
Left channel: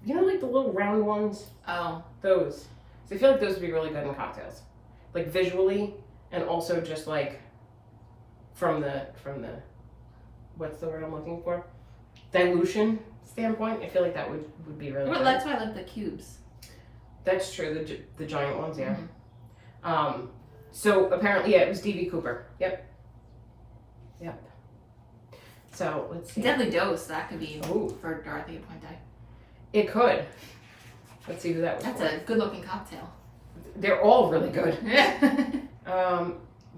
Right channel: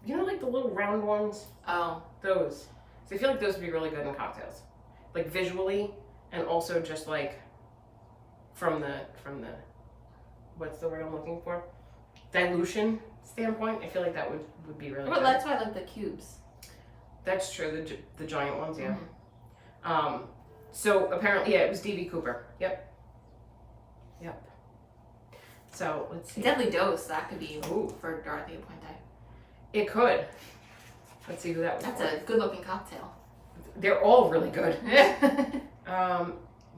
like the little round ones. Oh. Those. So I feel like those would be really good in cocktails, like visually, and also just like from the what's the word I'm looking for? Dilution standpoint. I feel like that would be really Well, good. that's why I like the cubes. That's true. The giant ones, yeah. Mm-hmm. So apparently, yeah, it was D.B. Cooper. Yep. So let's see. Deadly Dose, that could be Ooh. for Dorothy Appointed. It could. Let's see who that was. That's for. a good looking cocktail. They're all really good.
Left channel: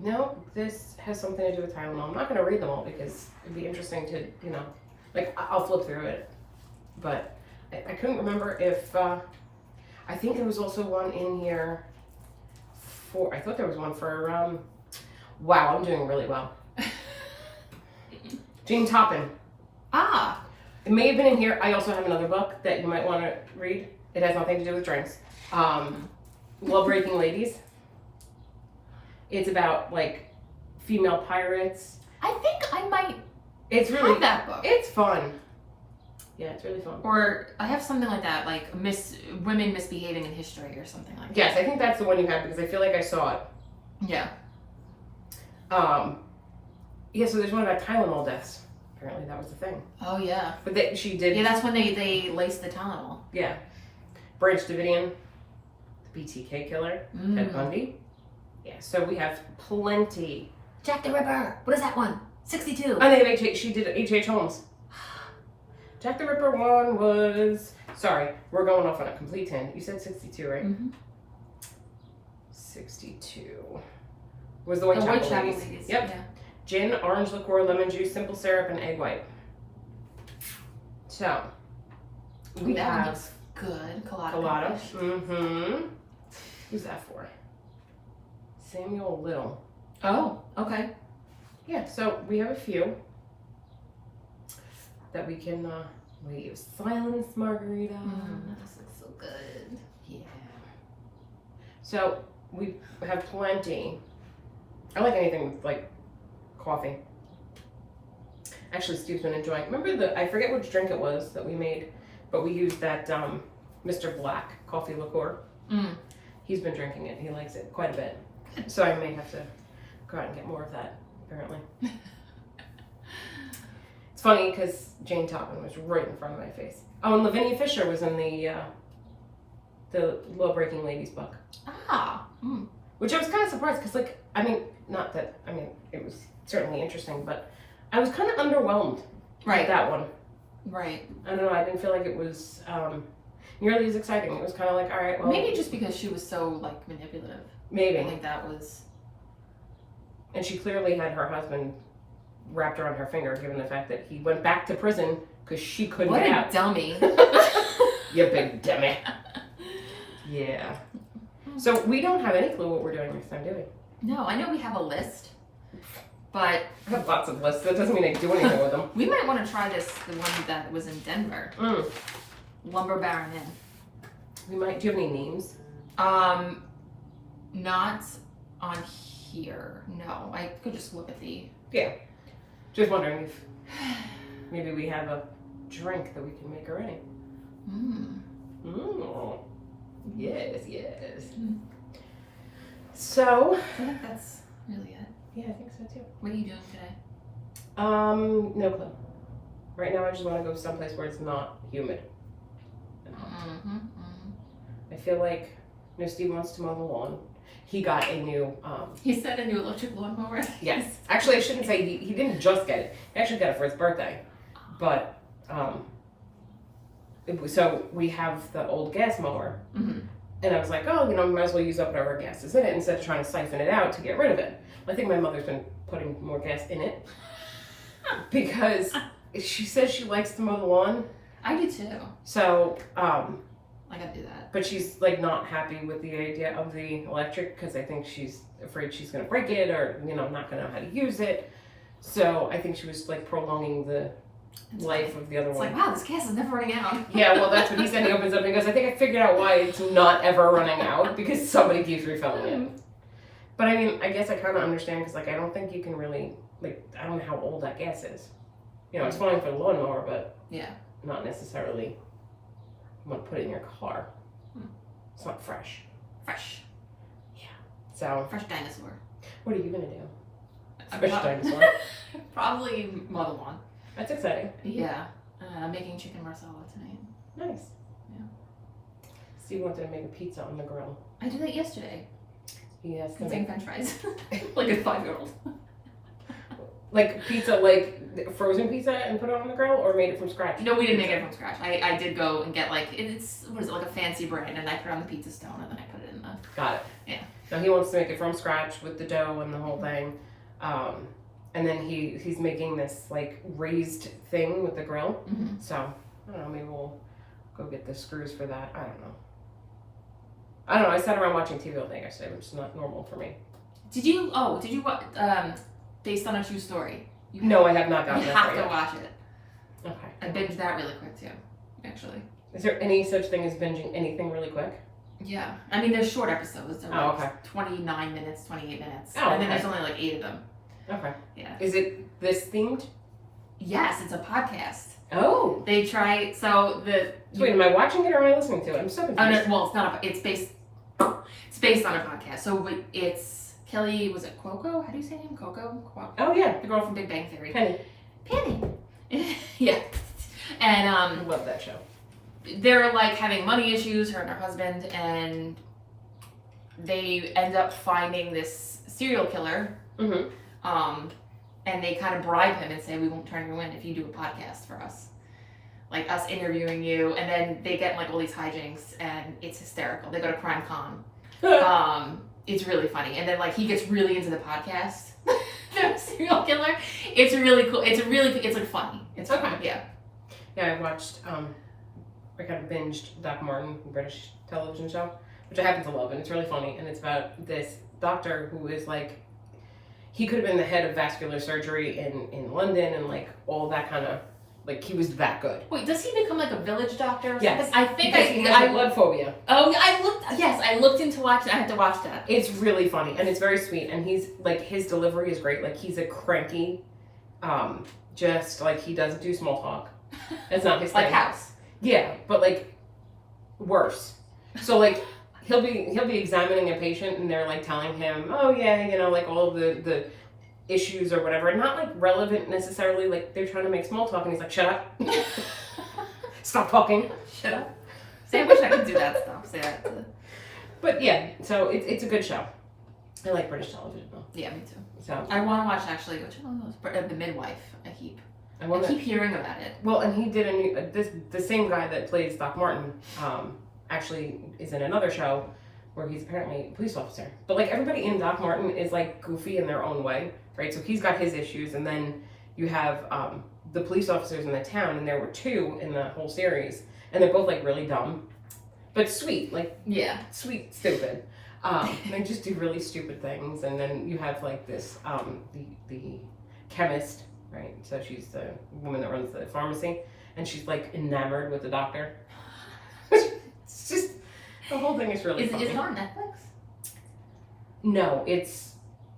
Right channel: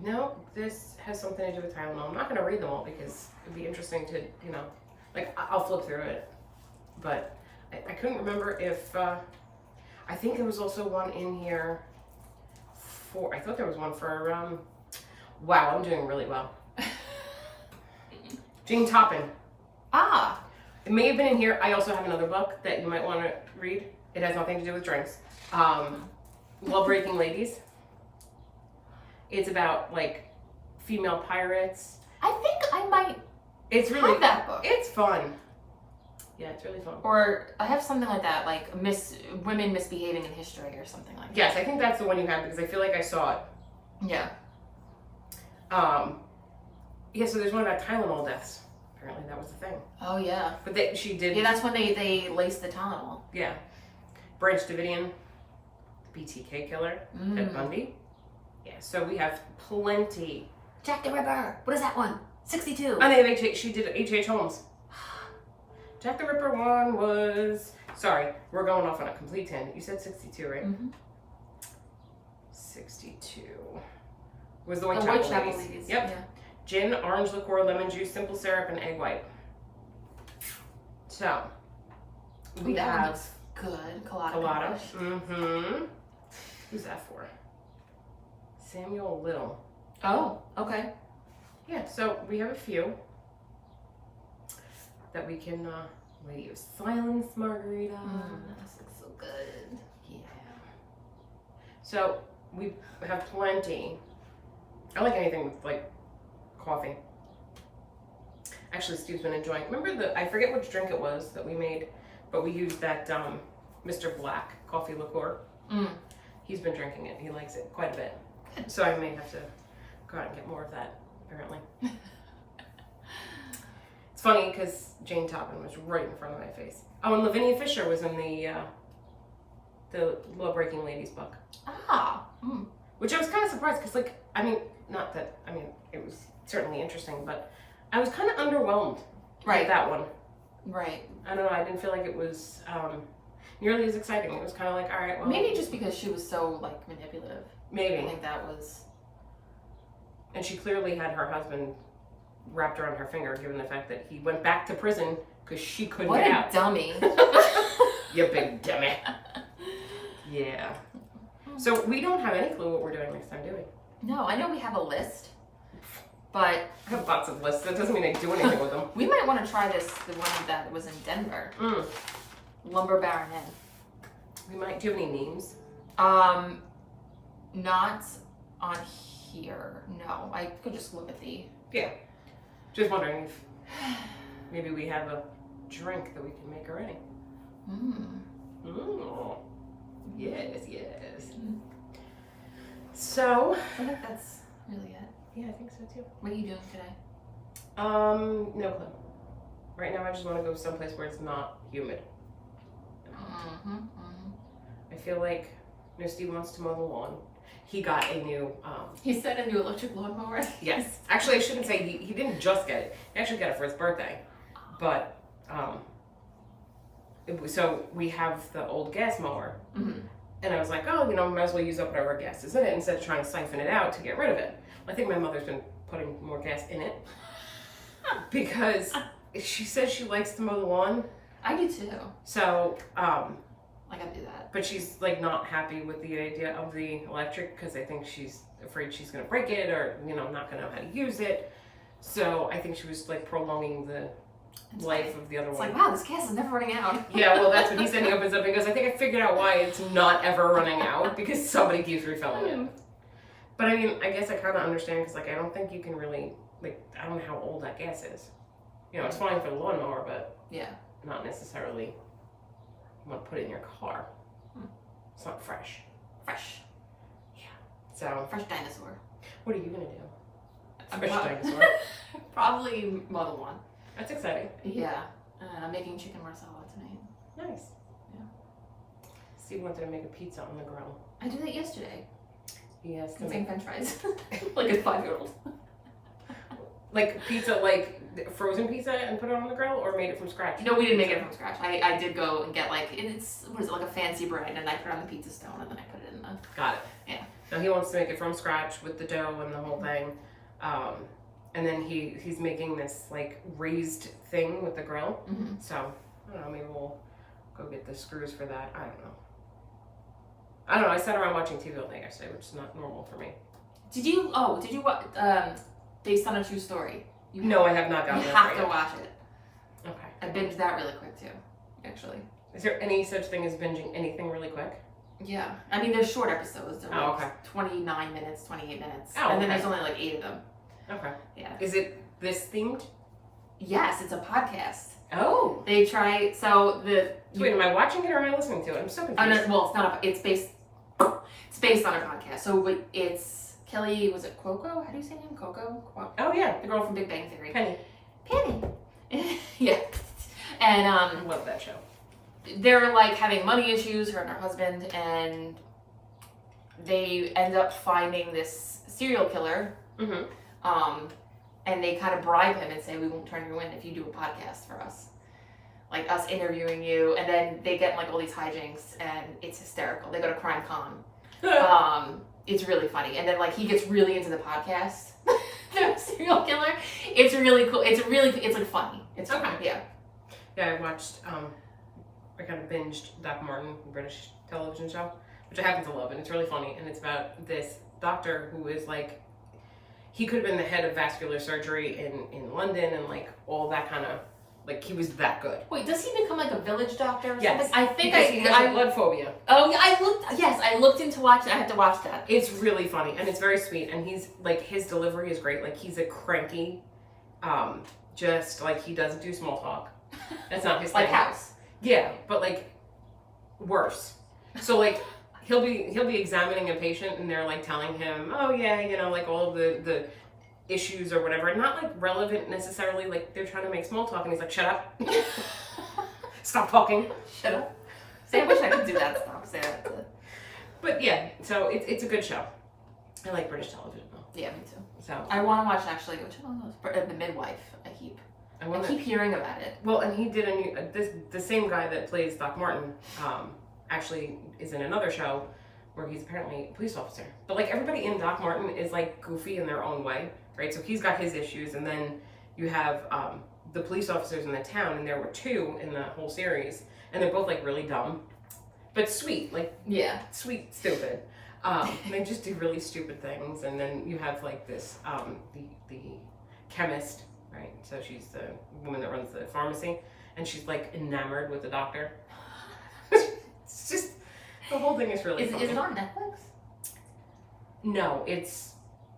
No, this has something to do with Tylenol. I'm not going to read them all because it'd be interesting to, like I'll flip through it. But I couldn't remember if, I think there was also one in here I thought there was one for, wow, I'm doing really well. Jane Toppin. Ah. It may have been in here. I also have another book that you might want to read. It has nothing to do with drinks. Love Breaking Ladies. It's about like female pirates. I think I might It's really have that book. It's fun. Yeah, it's really fun. Or I have something like that, like women misbehaving in history or something like that. Yes, I think that's the one you have because I feel like I saw it. Yeah. Yeah, so there's one about Tylenol deaths. Apparently that was the thing. Oh yeah. But she did. Yeah, that's when they laced the Tylenol. Yeah. Branch Davidian, the BTK killer, Ted Bundy. Yeah, so we have plenty. Jack the Ripper. What is that one? 62. Oh, they have H.H. She did H.H. Holmes. Jack the Ripper one was. Sorry, we're going off on a complete tangent. You said 62, right? Mm-hmm. 62 was the The Whitechapel Ladies. Yep. Yeah. Gin, orange liqueur, lemon juice, simple syrup, and egg white. So we That one have looks good. Colada. Colada. Fish. Mm-hmm. Who's that for? Samuel Little. Oh, okay. Yeah, so we have a few that we can leave. Silence Margarita. This looks so good. Yeah. So we have plenty. I like anything with like coffee. Actually, Steve's been enjoying. Remember I forget which drink it was that we made, but we used that Mr. Black coffee liqueur. He's been drinking it. He likes it quite a bit. So I may have to go out and get more of that, apparently. It's funny because Jane Toppin was right in front of my face. Oh, and Lavinia Fisher was in the Love Breaking Ladies book. Ah. Which I was kind of surprised because, like, it was certainly interesting, but I was kind of underwhelmed with that one. Right. I don't know, I didn't feel like it was nearly as exciting. It was kind of like, all right, well. Maybe just because she was so, like, manipulative. Maybe. I think that was. And she clearly had her husband wrapped around her finger, given the fact that he went back to prison because she couldn't What get a out. dummy. You big dummy. Yeah. So we don't have any clue what we're doing next time, do we? No, I know we have a list, but I have lots of lists. That doesn't mean I do anything with them. we might want to try the one that was in Denver. Lumber Baron Inn. We might. Do you have any names? Not on here. No, I could just look at the. Yeah. Just wondering if maybe we have a drink that we can make already. Yes. So. I think that's really it. Yeah, I think so too. What are you doing today? No clue. Right now, I just want to go someplace where it's not humid. I feel like, Steve wants to mow the lawn. he got a new, He said a new electric lawnmower. yes. Actually, I shouldn't say he didn't just get it. He actually got it for his birthday. But, so we have the old gas mower. Mm-hmm. And I was like, oh, might as well use up whatever gas is in it instead of trying to siphon it out to get rid of it. I think my mother's been putting more gas in it because she says she likes to mow the lawn. I do too. So, I gotta do that. but she's like not happy with the idea of the electric because I think she's afraid she's gonna break it or not gonna know how to use it. So I think she was like prolonging the life of the other one. It's like, wow, this gas is never running out. Yeah, well, that's what he said. He opens up and goes, I think I figured out why it's not ever running out because somebody keeps refilling it. But I mean, I guess I kind of understand because, like, I don't think you can really, like, I don't know how old that gas is. It's fine for the lawnmower, but yeah, not necessarily want to put it in your car. It's not fresh. Fresh. Yeah. So. Fresh dinosaur. What are you going to do? Fresh dinosaur. Probably mow the lawn. That's exciting. Yeah. I'm making chicken marsala tonight. Nice. Yeah. Steve wanted to make a pizza on the grill. I did that yesterday. Yes. Same French fries. Like a 5-year-old. Like pizza, like frozen pizza and put it on the grill, or made it from scratch? No, we didn't make it from scratch. I did go and get like, what is it, like a fancy bread, and I put it on the pizza stone, and then I put it in the... Got it. Yeah. Now he wants to make it from scratch with the dough and the whole thing. And then he's making this like raised thing with the grill. Mm-hmm. So, I don't know, maybe we'll go get the screws for that. I don't know. I sat around watching TV all day yesterday, which is not normal for me. Did you watch, based on a true story? No, I have not gotten You that have far to yet. watch it. Okay. I binged that really quick too, actually. Is there any such thing as binging anything really quick? Yeah. I mean, there's short episodes. They're Oh, like okay. 29 minutes, 28 minutes. Oh, and then okay. there's only like 8 of them. Okay. Yeah. Is it this themed? Yes, it's a podcast. Oh. They try, So wait, am I watching it or am I listening to it? I'm so confused. well, it's not it's based on a podcast. So it's Kelly, was it Cuoco? How do you say her name? Coco? Oh, yeah. The girl from Big Bang Theory. Penny. Yeah. And I love that show. they're like having money issues, her and her husband, and they end up finding this serial killer. Mm-hmm. And they kind of bribe him and say, we won't turn you in if you do a podcast for us. Like us interviewing you, and then they get like all these hijinks, and it's hysterical. They go to Crime Con. It's really funny. And then like he gets really into the podcast. The serial killer. It's really cool. It's like funny. It's Okay. funny. Yeah. Yeah, I watched, I kind of binged Doc Martin, the British television show, which I happen to love, and it's really funny, and it's about this doctor who is like, he could have been the head of vascular surgery in London, and like all that kind of, like he was that good. Wait, does he become like a village doctor or Yes. something? I think Because he has blood phobia. Oh, yeah, I looked into watching. I had to watch that. It's really funny, and it's very sweet, and he's like, his delivery is great. Like he's a cranky, just like he doesn't do small talk. That's not his Like thing. House. Yeah, but like worse. So like he'll be examining a patient, and they're like telling him, oh yeah, like all of the issues or whatever, and not like relevant necessarily. Like they're trying to make small talk, and he's like, shut up, stop talking, Shut up. See, I wish I could do that stuff. Say that. But yeah, so it's a good show. I like British television though. Yeah, me too. So I want to watch actually. Which one was The Midwife? I keep hearing about it. Well, and he did a new the same guy that plays Doc Martin actually is in another show where he's apparently a police officer. But like everybody in Doc Martin is like goofy in their own way, right? So he's got his issues, and then you have the police officers in the town, and there were 2 in the whole series, and they're both like really dumb, but sweet, like sweet, stupid. They just do really stupid things, and then you have like this the chemist. Right, so she's the woman that runs the pharmacy, and she's like enamored with the doctor. It's just, the whole thing is really funny. Is it on Netflix? No,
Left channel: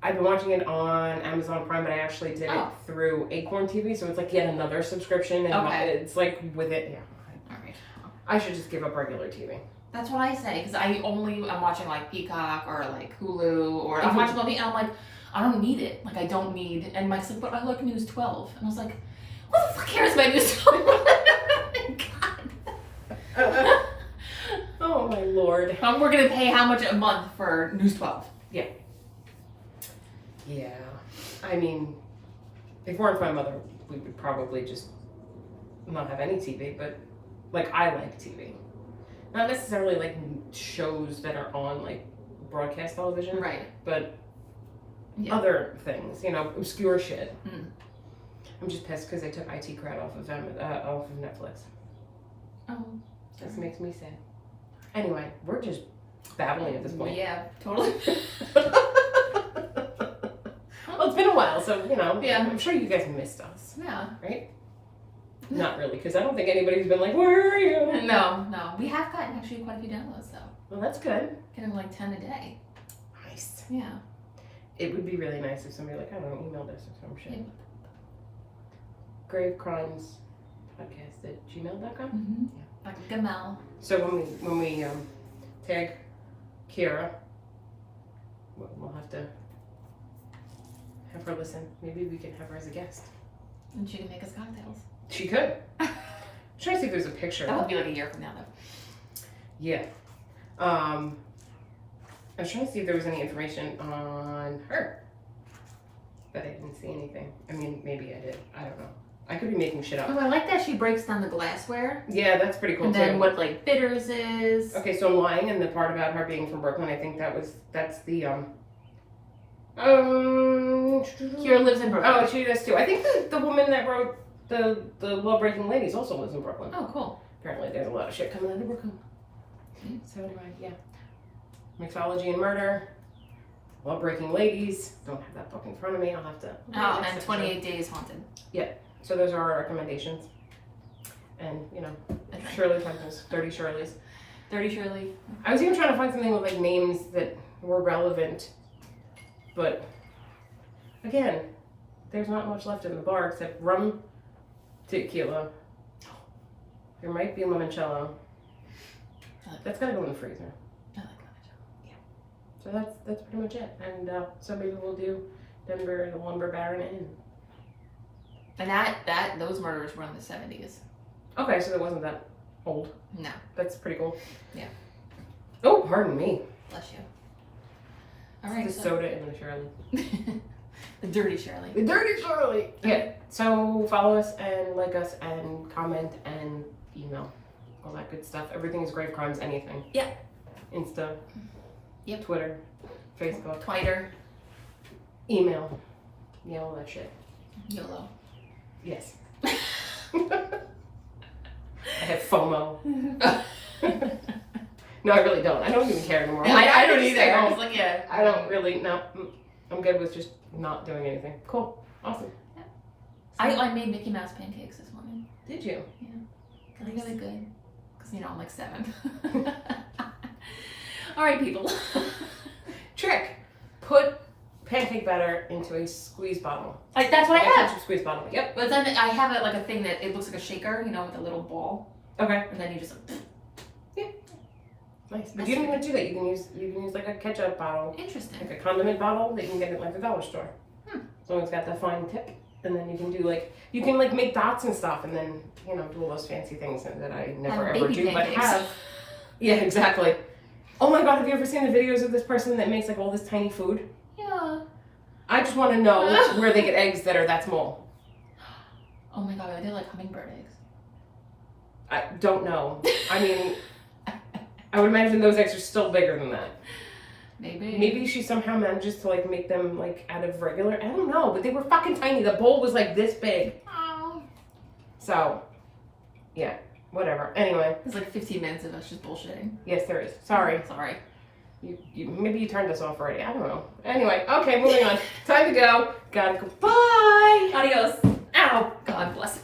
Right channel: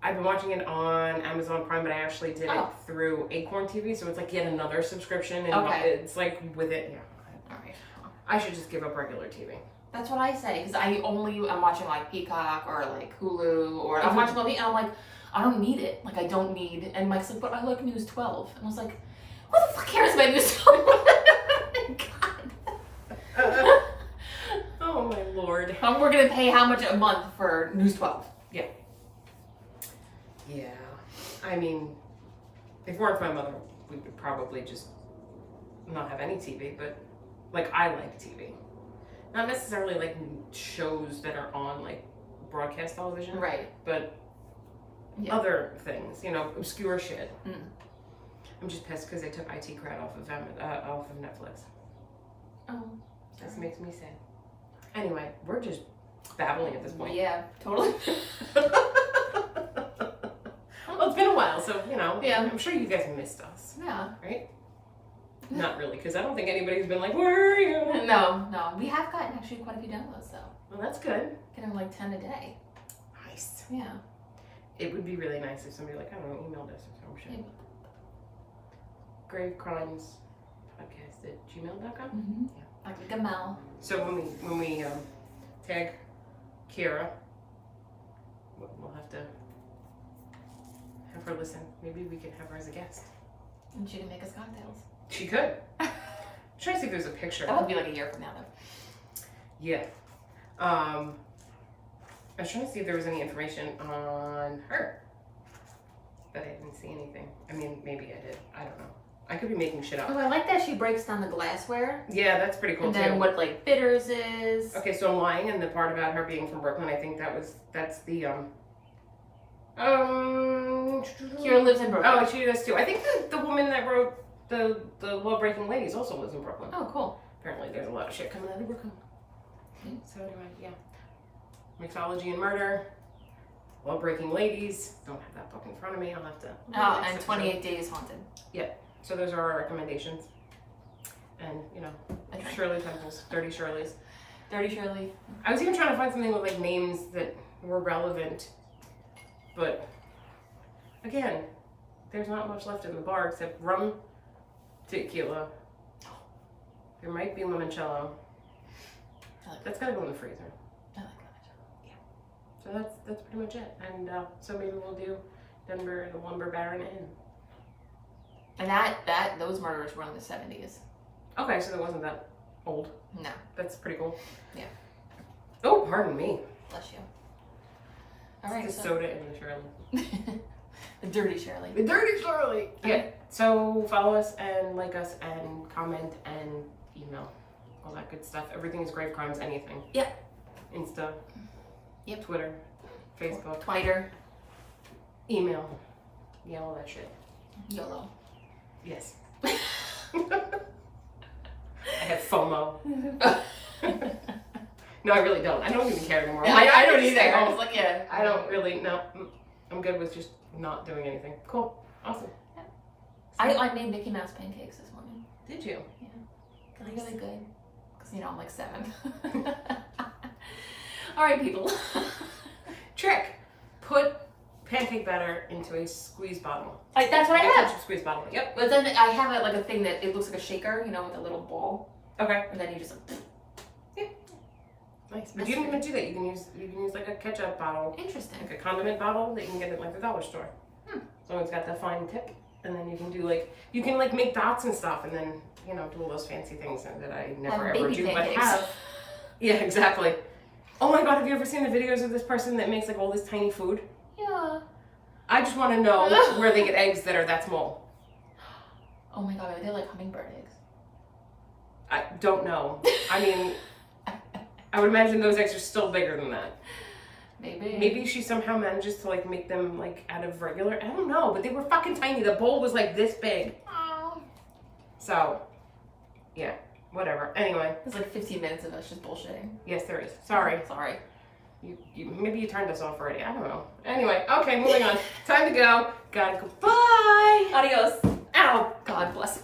I've been watching it on Amazon Prime, but I actually did it through Acorn TV, so it's like yet another subscription, and it's like with it, All right. I should just give up regular TV. That's what I say, because I'm watching like Peacock or like Hulu, or I'm watching TV, and I'm like, I don't need it. Like, I don't need... And Mike's like, but I like News 12. And I was like, who the fuck cares about News 12? God. Oh, my Lord. We're going to pay how much a month for News 12? Yeah. I mean, if it weren't for my mother, we would probably just not have any TV, but like I like TV. Not necessarily like shows that are on like broadcast television, Right. but Yeah. other things, obscure shit. Mm. I'm just pissed because they took IT Crowd off of Netflix. Oh. This makes me sad. Anyway, we're just babbling at this point. Yeah, totally. Well, it's been a while, so Yeah. I'm sure you guys missed us, Yeah. right? Not really, because I don't think anybody's been like, "Where are you?" No. We have gotten actually quite a few downloads though. Well, that's good. Getting like 10 a day. Nice. Yeah. It would be really nice if somebody like, I don't know, emailed us or some shit. Yeah. Grave Crimes Podcast at gmail.com. Mm-hmm. Yeah. Like a Gamal. So when we tag Kira, we'll have to have her listen. Maybe we can have her as a guest. And she can make us cocktails. She could. I'm trying to see if there's a picture. That would be like a year from now though. Yeah. I was trying to see if there was any information on her, but I didn't see anything. I mean, maybe I did. I don't know. I could be making shit up. Oh, I like that she breaks down the glassware. Yeah, that's pretty cool And too. then what like bitters is. Okay, so I'm lying, and the part about her being from Brooklyn, I think that's the Kira lives in Brooklyn. Oh, she does too. I think the woman that wrote the Law Breaking Ladies also lives in Brooklyn. Oh, cool. Apparently, there's a lot of shit coming out of Brooklyn. So anyway, yeah. Mixology and Murder, Law Breaking Ladies. Don't have that book in front of me. I'll have to. Oh, and 28 Days Haunted. So those are our recommendations. And Okay. Shirley Temple's 30 Shirley's. 30 Shirley. I was even trying to find something with like names that were relevant, but again, there's not much left in the bar except rum, tequila. There might be limoncello. That's gotta go in the freezer. I like that. So that's pretty much it. And so maybe we'll do Denver, the Lumber Baron Inn. And those murders were in the 70s. Okay, so it wasn't that old. No. That's pretty cool. Yeah. Oh, pardon me. Bless you. All right. The soda and the Shirley. The dirty Shirley. The dirty Shirley. Yeah. So follow us and like us and comment and email. All that good stuff. Everything is Grave Crimes, anything. Yeah. Insta. Yep. Twitter. Facebook. Twitter. Email. Yeah, all that shit. YOLO. Yes. I have FOMO. No, I really don't. I don't even care anymore. I don't either. Stay I home. was like, yeah. I don't really, no. I'm good with just not doing anything. Cool. Awesome. I made Mickey Mouse pancakes this morning. Did you? Really, really good. Because, I'm like 7. All right, people. Trick. Put pancake batter into a squeeze bottle. That's what I have. Squeeze bottle. Yep. But then I have it like a thing that it looks like a shaker, with a little ball. Okay. And then you just Nice. But you don't even do that. You can use like a ketchup bottle. Interesting. Like a condiment bottle that you can get at like the dollar store. So it's got the fine tip. And then you can do you can make dots and stuff and then, do all those fancy things that I never Have ever baby do, pancakes. but have. Yeah, exactly. Oh my God, have you ever seen the videos of this person that makes all this tiny food? Yeah. I just want to know where they get eggs that are that small. Oh my God, I do like hummingbird eggs. I don't know. I mean, I would imagine those eggs are still bigger than that. Maybe she somehow manages to make them out of regular. I don't know, but they were fucking tiny. The bowl was this big. Oh. So, yeah, whatever. Anyway. It's 15 minutes of us just bullshitting. Yes, there is. Sorry. Sorry. Maybe you turned us off already. I don't know. Anyway, okay, moving on. Time to go. Gotta go. Bye. Adios. Ow. God bless.